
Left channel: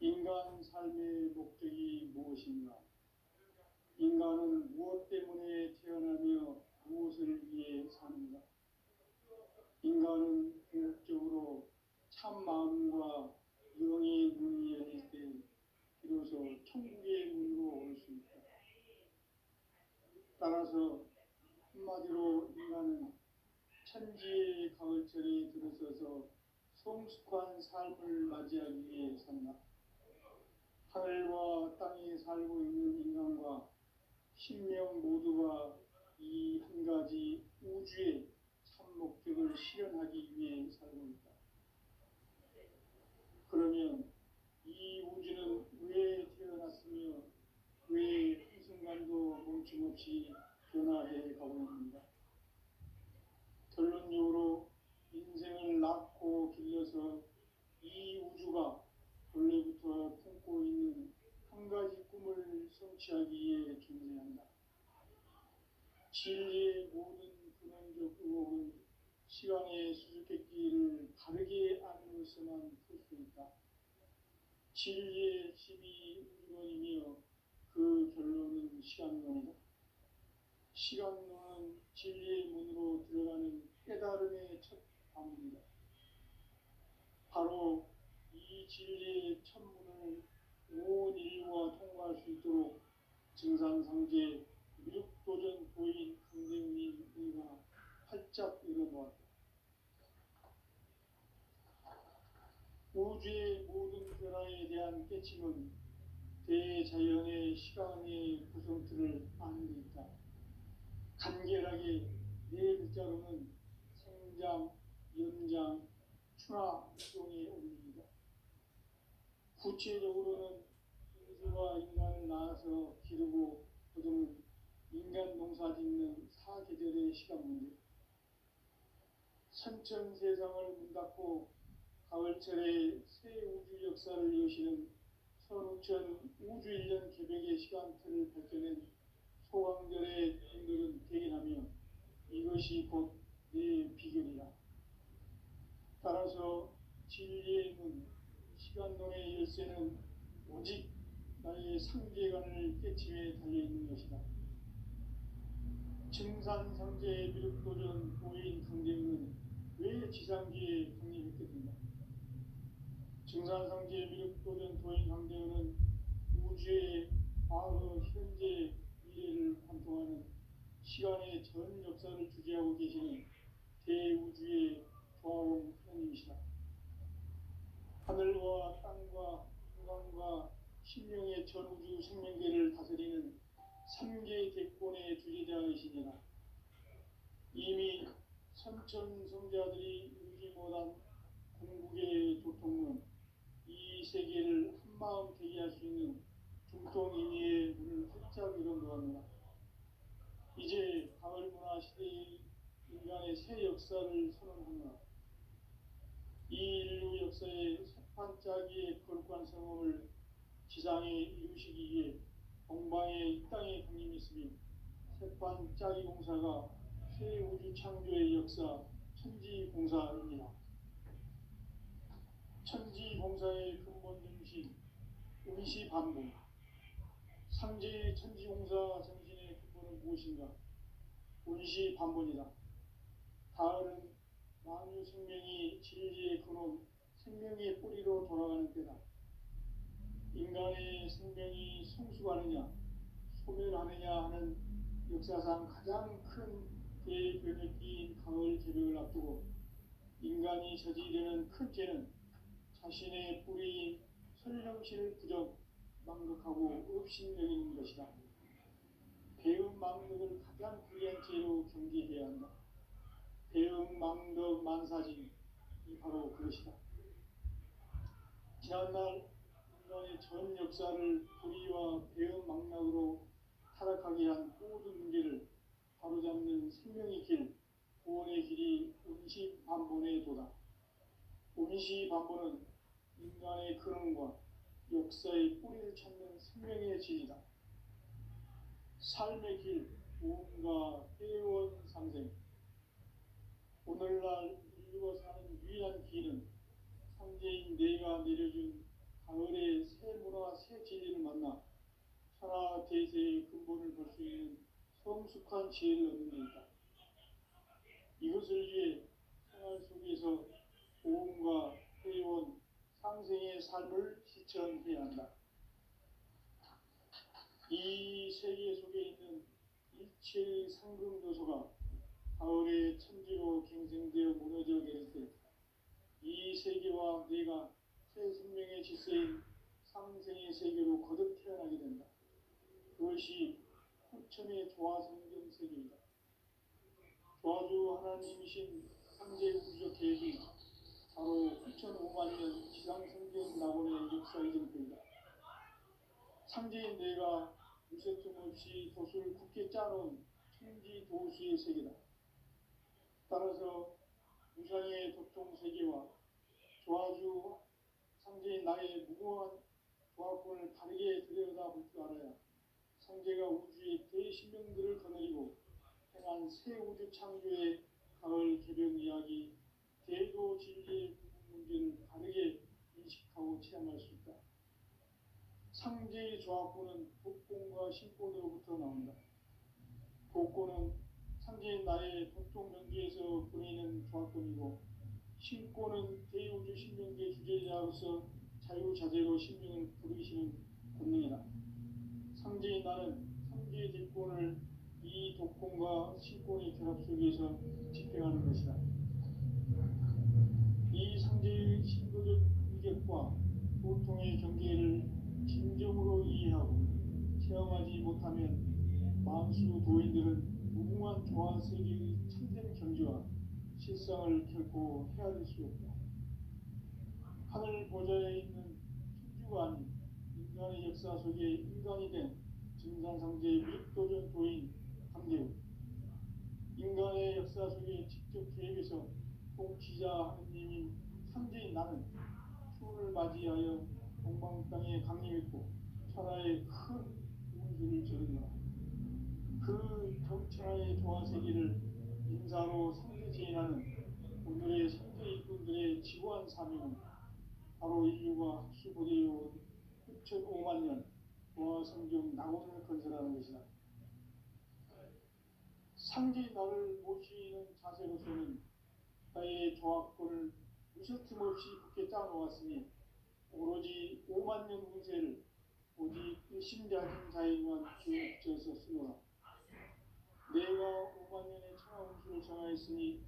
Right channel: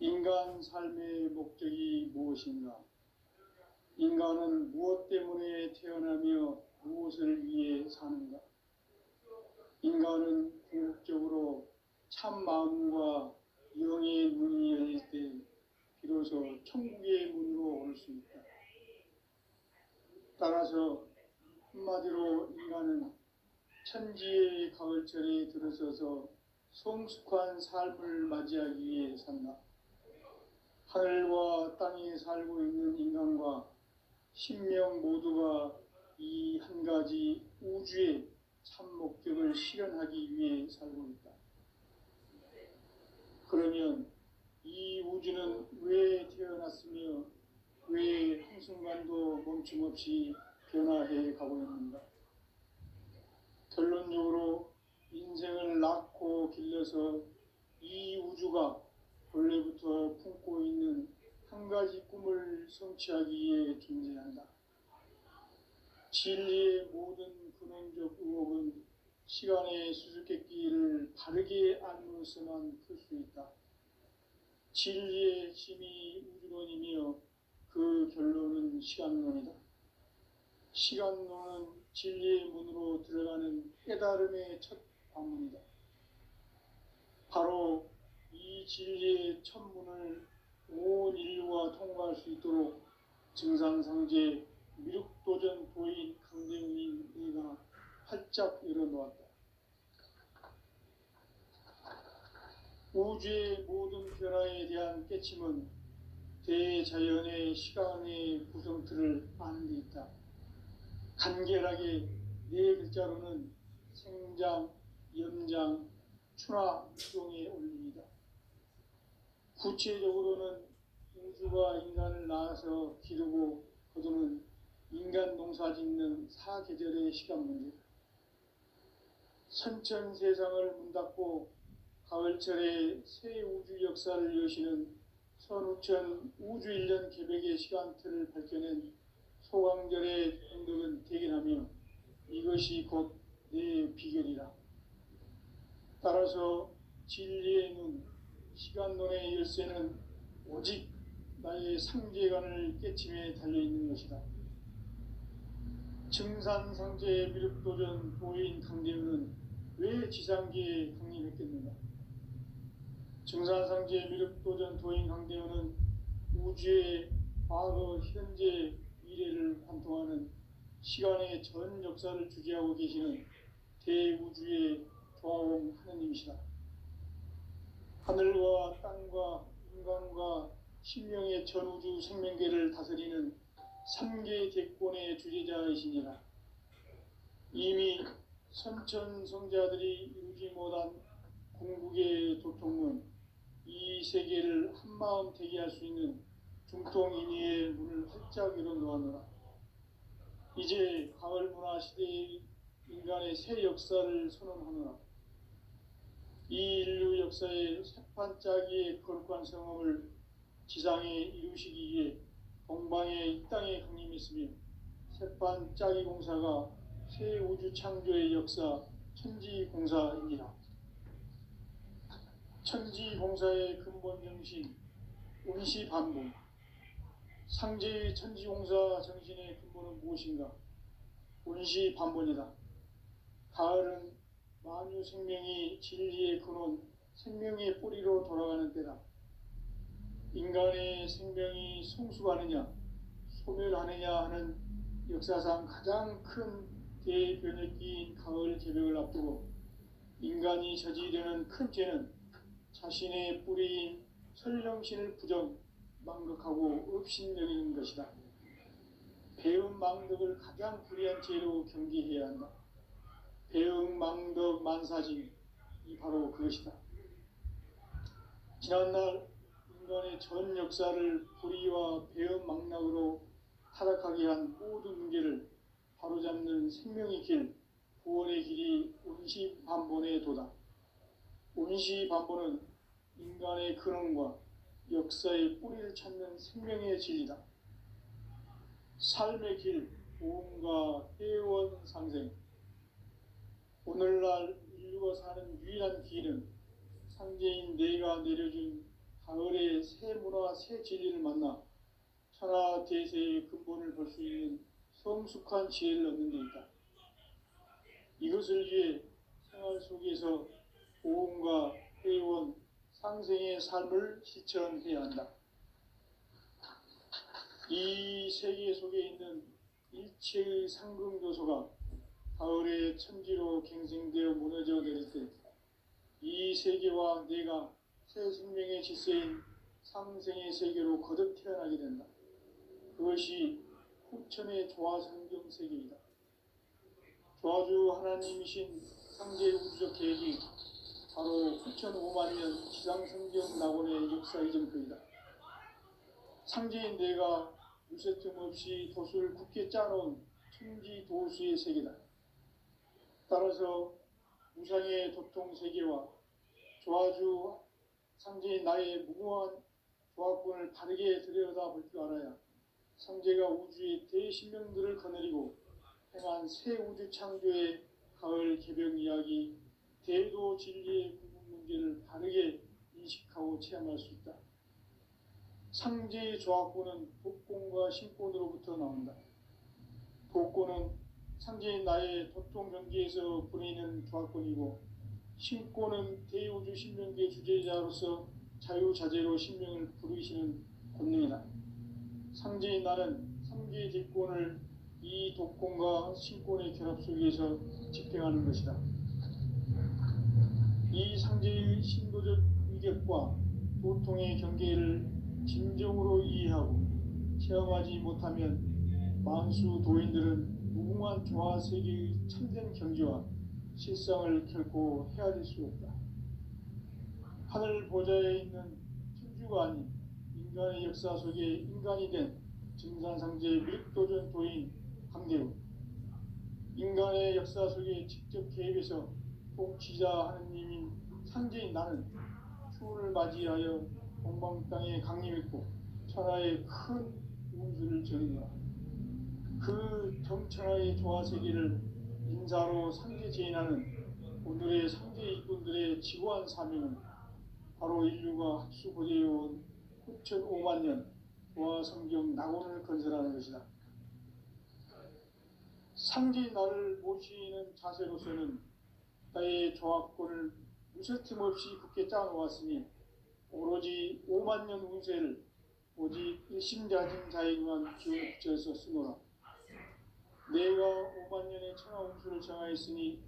인간 삶의 목적이 무엇인가? 인간은 무엇 때문에 태어나며 무엇을 위해 사는가? 인간은 궁극적으로 참 마음과 영의 문이 열릴 때 비로소 천국의 문으로 올 수 있다. 따라서 한마디로 인간은 천지의 가을철에 들어서서 성숙한 삶을 맞이하기 위해 산다. 하늘과 땅에 살고 있는 인간과 신명 모두가 이 한 가지 우주의 참 목적을 실현하기 위해 살고 있다. 그러면 이 우주는 왜 태어났으며 왜 한순간도 멈춤없이 변화해 가고 있는가? 결론적으로 인생을 낳고 길러서 이 우주가 본래부터 품고 있는 한 가지 꿈을 성취하기 위해 존재한다. 진리의 모든 근원적 의혹은 시간의 수수께끼를 바르게 알므로서만 풀 수 있다. 진리의 힘이 우주론이며 그 결론은 시간론이다. 시간론은 진리의 문으로 들어가는 깨달음의 첫 방문이다. 바로 이 진리의 첫 문을 온 인류가 통과할 수 있도록 증산상제 미륵도전 도인 강대훈인 내가 활짝 열어놓았다. 우주의 모든 변화에 대한 깨침은 대자연의 시간의 구성틀을 아는 데 있다. 간결하게 네 글자로는 생장, 연장, 추나 유동의 원리이다. 구체적으로는 우주가 인간을 낳아서 기르고 거두는 인간 농사 짓는 사계절의 시간 문제. 선천 세상을 문닫고 가을철에 새 우주 역사를 여시는 선우천 우주 1년 개벽의 시간틀을 밝혀낸 소강절의 정덕은 대견하며 이것이 곧 내 비결이라. 따라서 진리의 눈, 시간론의 열쇠는 오직 나의 상제관을 깨침에 달려있는 것이다. 증산상제 미륵도전 도인 강대훈은 왜 지상기에 강림했겠는가? 증산상제 미륵도전 도인 강대훈은 우주의 과거, 현재, 미래를 관통하는 시간의 전 역사를 주재하고 계시는 대우주의 조화원 하느님이시다. 하늘과 땅과 인간과 신명의 전우주 생명계를 다스리는 삼계 대권의 주제자이시니라. 이미 선천성자들이 이루지 못한 궁극의 도통은 이 세계를 한마음 되게 할 수 있는 중통인의의 문을 활짝 열어놓았노라. 이제 가을 문화 시대의 인간의 새 역사를 선언하노라. 이 인류 역사의 새판짜기의 거룩한 성험을 지상에 이루시기 위해 동방의 이 땅에 강림했으며 새판짜기 공사가 새 우주 창조의 역사 천지공사입니다. 천지공사의 근본 정신 운시반복. 상제의 천지공사 정신의 근본은 무엇인가? 운시반복이다. 가을은 만유 생명이 진리의 근원, 생명의 뿌리로 돌아가는 때다. 인간의 생명이 성숙하느냐, 소멸하느냐 하는 역사상 가장 큰 대변혁기인 가을 개벽을 앞두고 인간이 저지르는 큰 죄는 자신의 뿌리인 설령신을 부정, 망극하고 업신여기는 것이다. 배음 망덕을 가장 불의한 죄로 경계해야 한다. 배음 망덕 만사진이 바로 그것이다. 지난날 인간의 전 역사를 불의와 배음 망락으로 타락하게 한 모든 문제를 바로잡는 생명의 길, 구원의 길이 운시반본의 도다. 운시반본은 인간의 근원과 역사의 뿌리를 찾는 생명의 진리다. 삶의 길, 보험과 회원 상생. 오늘날 인류가 사는 유일한 길은 상제인 내가 내려준 가을의 새 문화, 새 진리를 만나 천하 대세의 근본을 볼 수 있는 성숙한 지혜를 얻는 데 있다. 이것을 위해 생활 속에서 보험과 회원, 상생의 삶을 실천해야 한다. 이 세계 속에 있는 일체의 상금 요소가 가을의 천지로 갱생되어 무너져 내릴 때 이 세계와 내가 새 생명의 질서인 상생의 세계로 거듭 태어나게 된다. 그것이 후천의 조화성경 세계이다. 조화주 하나님이신 상제 우주적 계획이 바로 후천 5만년 지상성경 낙원의 역사의 정표이다. 상제인 내가 무쇠 틈 없이 도수를 굳게 짜놓은 천지 도수의 세계다. 따라서 무상의 도통 세계와 조화주 상제인 나의 무궁한 조화권을 바르게 들여다볼 줄 알아야 상제가 우주의 대신명들을 거느리고 행한 새 우주 창조의 가을 개벽 이야기, 대도 진리의 궁극 문제를 바르게 인식하고 체험할 수 있다. 상제의 조화권은 독권과 신권으로부터 나온다. 독권은 상제인 나의 도통 경계에서 보내는 조화권이고, 신권은 대우주 신명계 주제자로서 자유자재로 신명을 부르시는 권능이다. 상제인 나는 상계의 뒷권을 이 독권과 신권의 결합 속에서 집행하는 것이다. 이 상제의 신도적 위격과 도통의 경계를 진정으로 이해하고 체험하지 못하면 만수 도인들은 무궁한 조화세계의 참된 경지와 실상을 결코 헤아릴 수 없다. 하늘 보좌에 있는 천주가 아닌 인간의 역사 속에 인간이 된 증산상제 윗도전 도인 강대우, 인간의 역사 속에 직접 개입해서 통치자 하느님인 상제인 나는 추운을 맞이하여 동방 땅에 강림했고 천하의 큰 운수를 저리노라. 그 정천하의 조화세계를 인사로 상제 제인하는 오늘의 상제 일꾼들의 지고한 사명은 바로 인류가 학수고대해온 9,500년 조화성경 낙원을 건설하는 것이다. 상제인 나를 모시는 자세로서는 나의 조화권을 무쇠틈 없이 굳게 짜놓았으니 오로지 5만년 운세를 오직 일심자진 자에게만 기운을 붙여서 쓰노라. 내가 5만년의 천하 운수를 정하였으니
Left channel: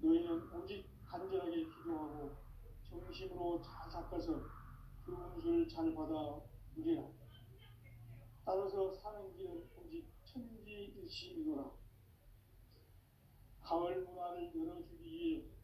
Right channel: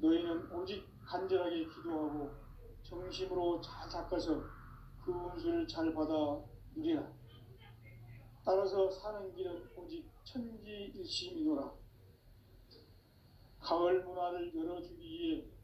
너희는 오직 간절하게 기도하고 정심으로 잘 닦아서 그 운수를 잘 받아 누리라. 따라서 사는 길은 오직 천지일심이노라. 가을 문화를 열어주기 위해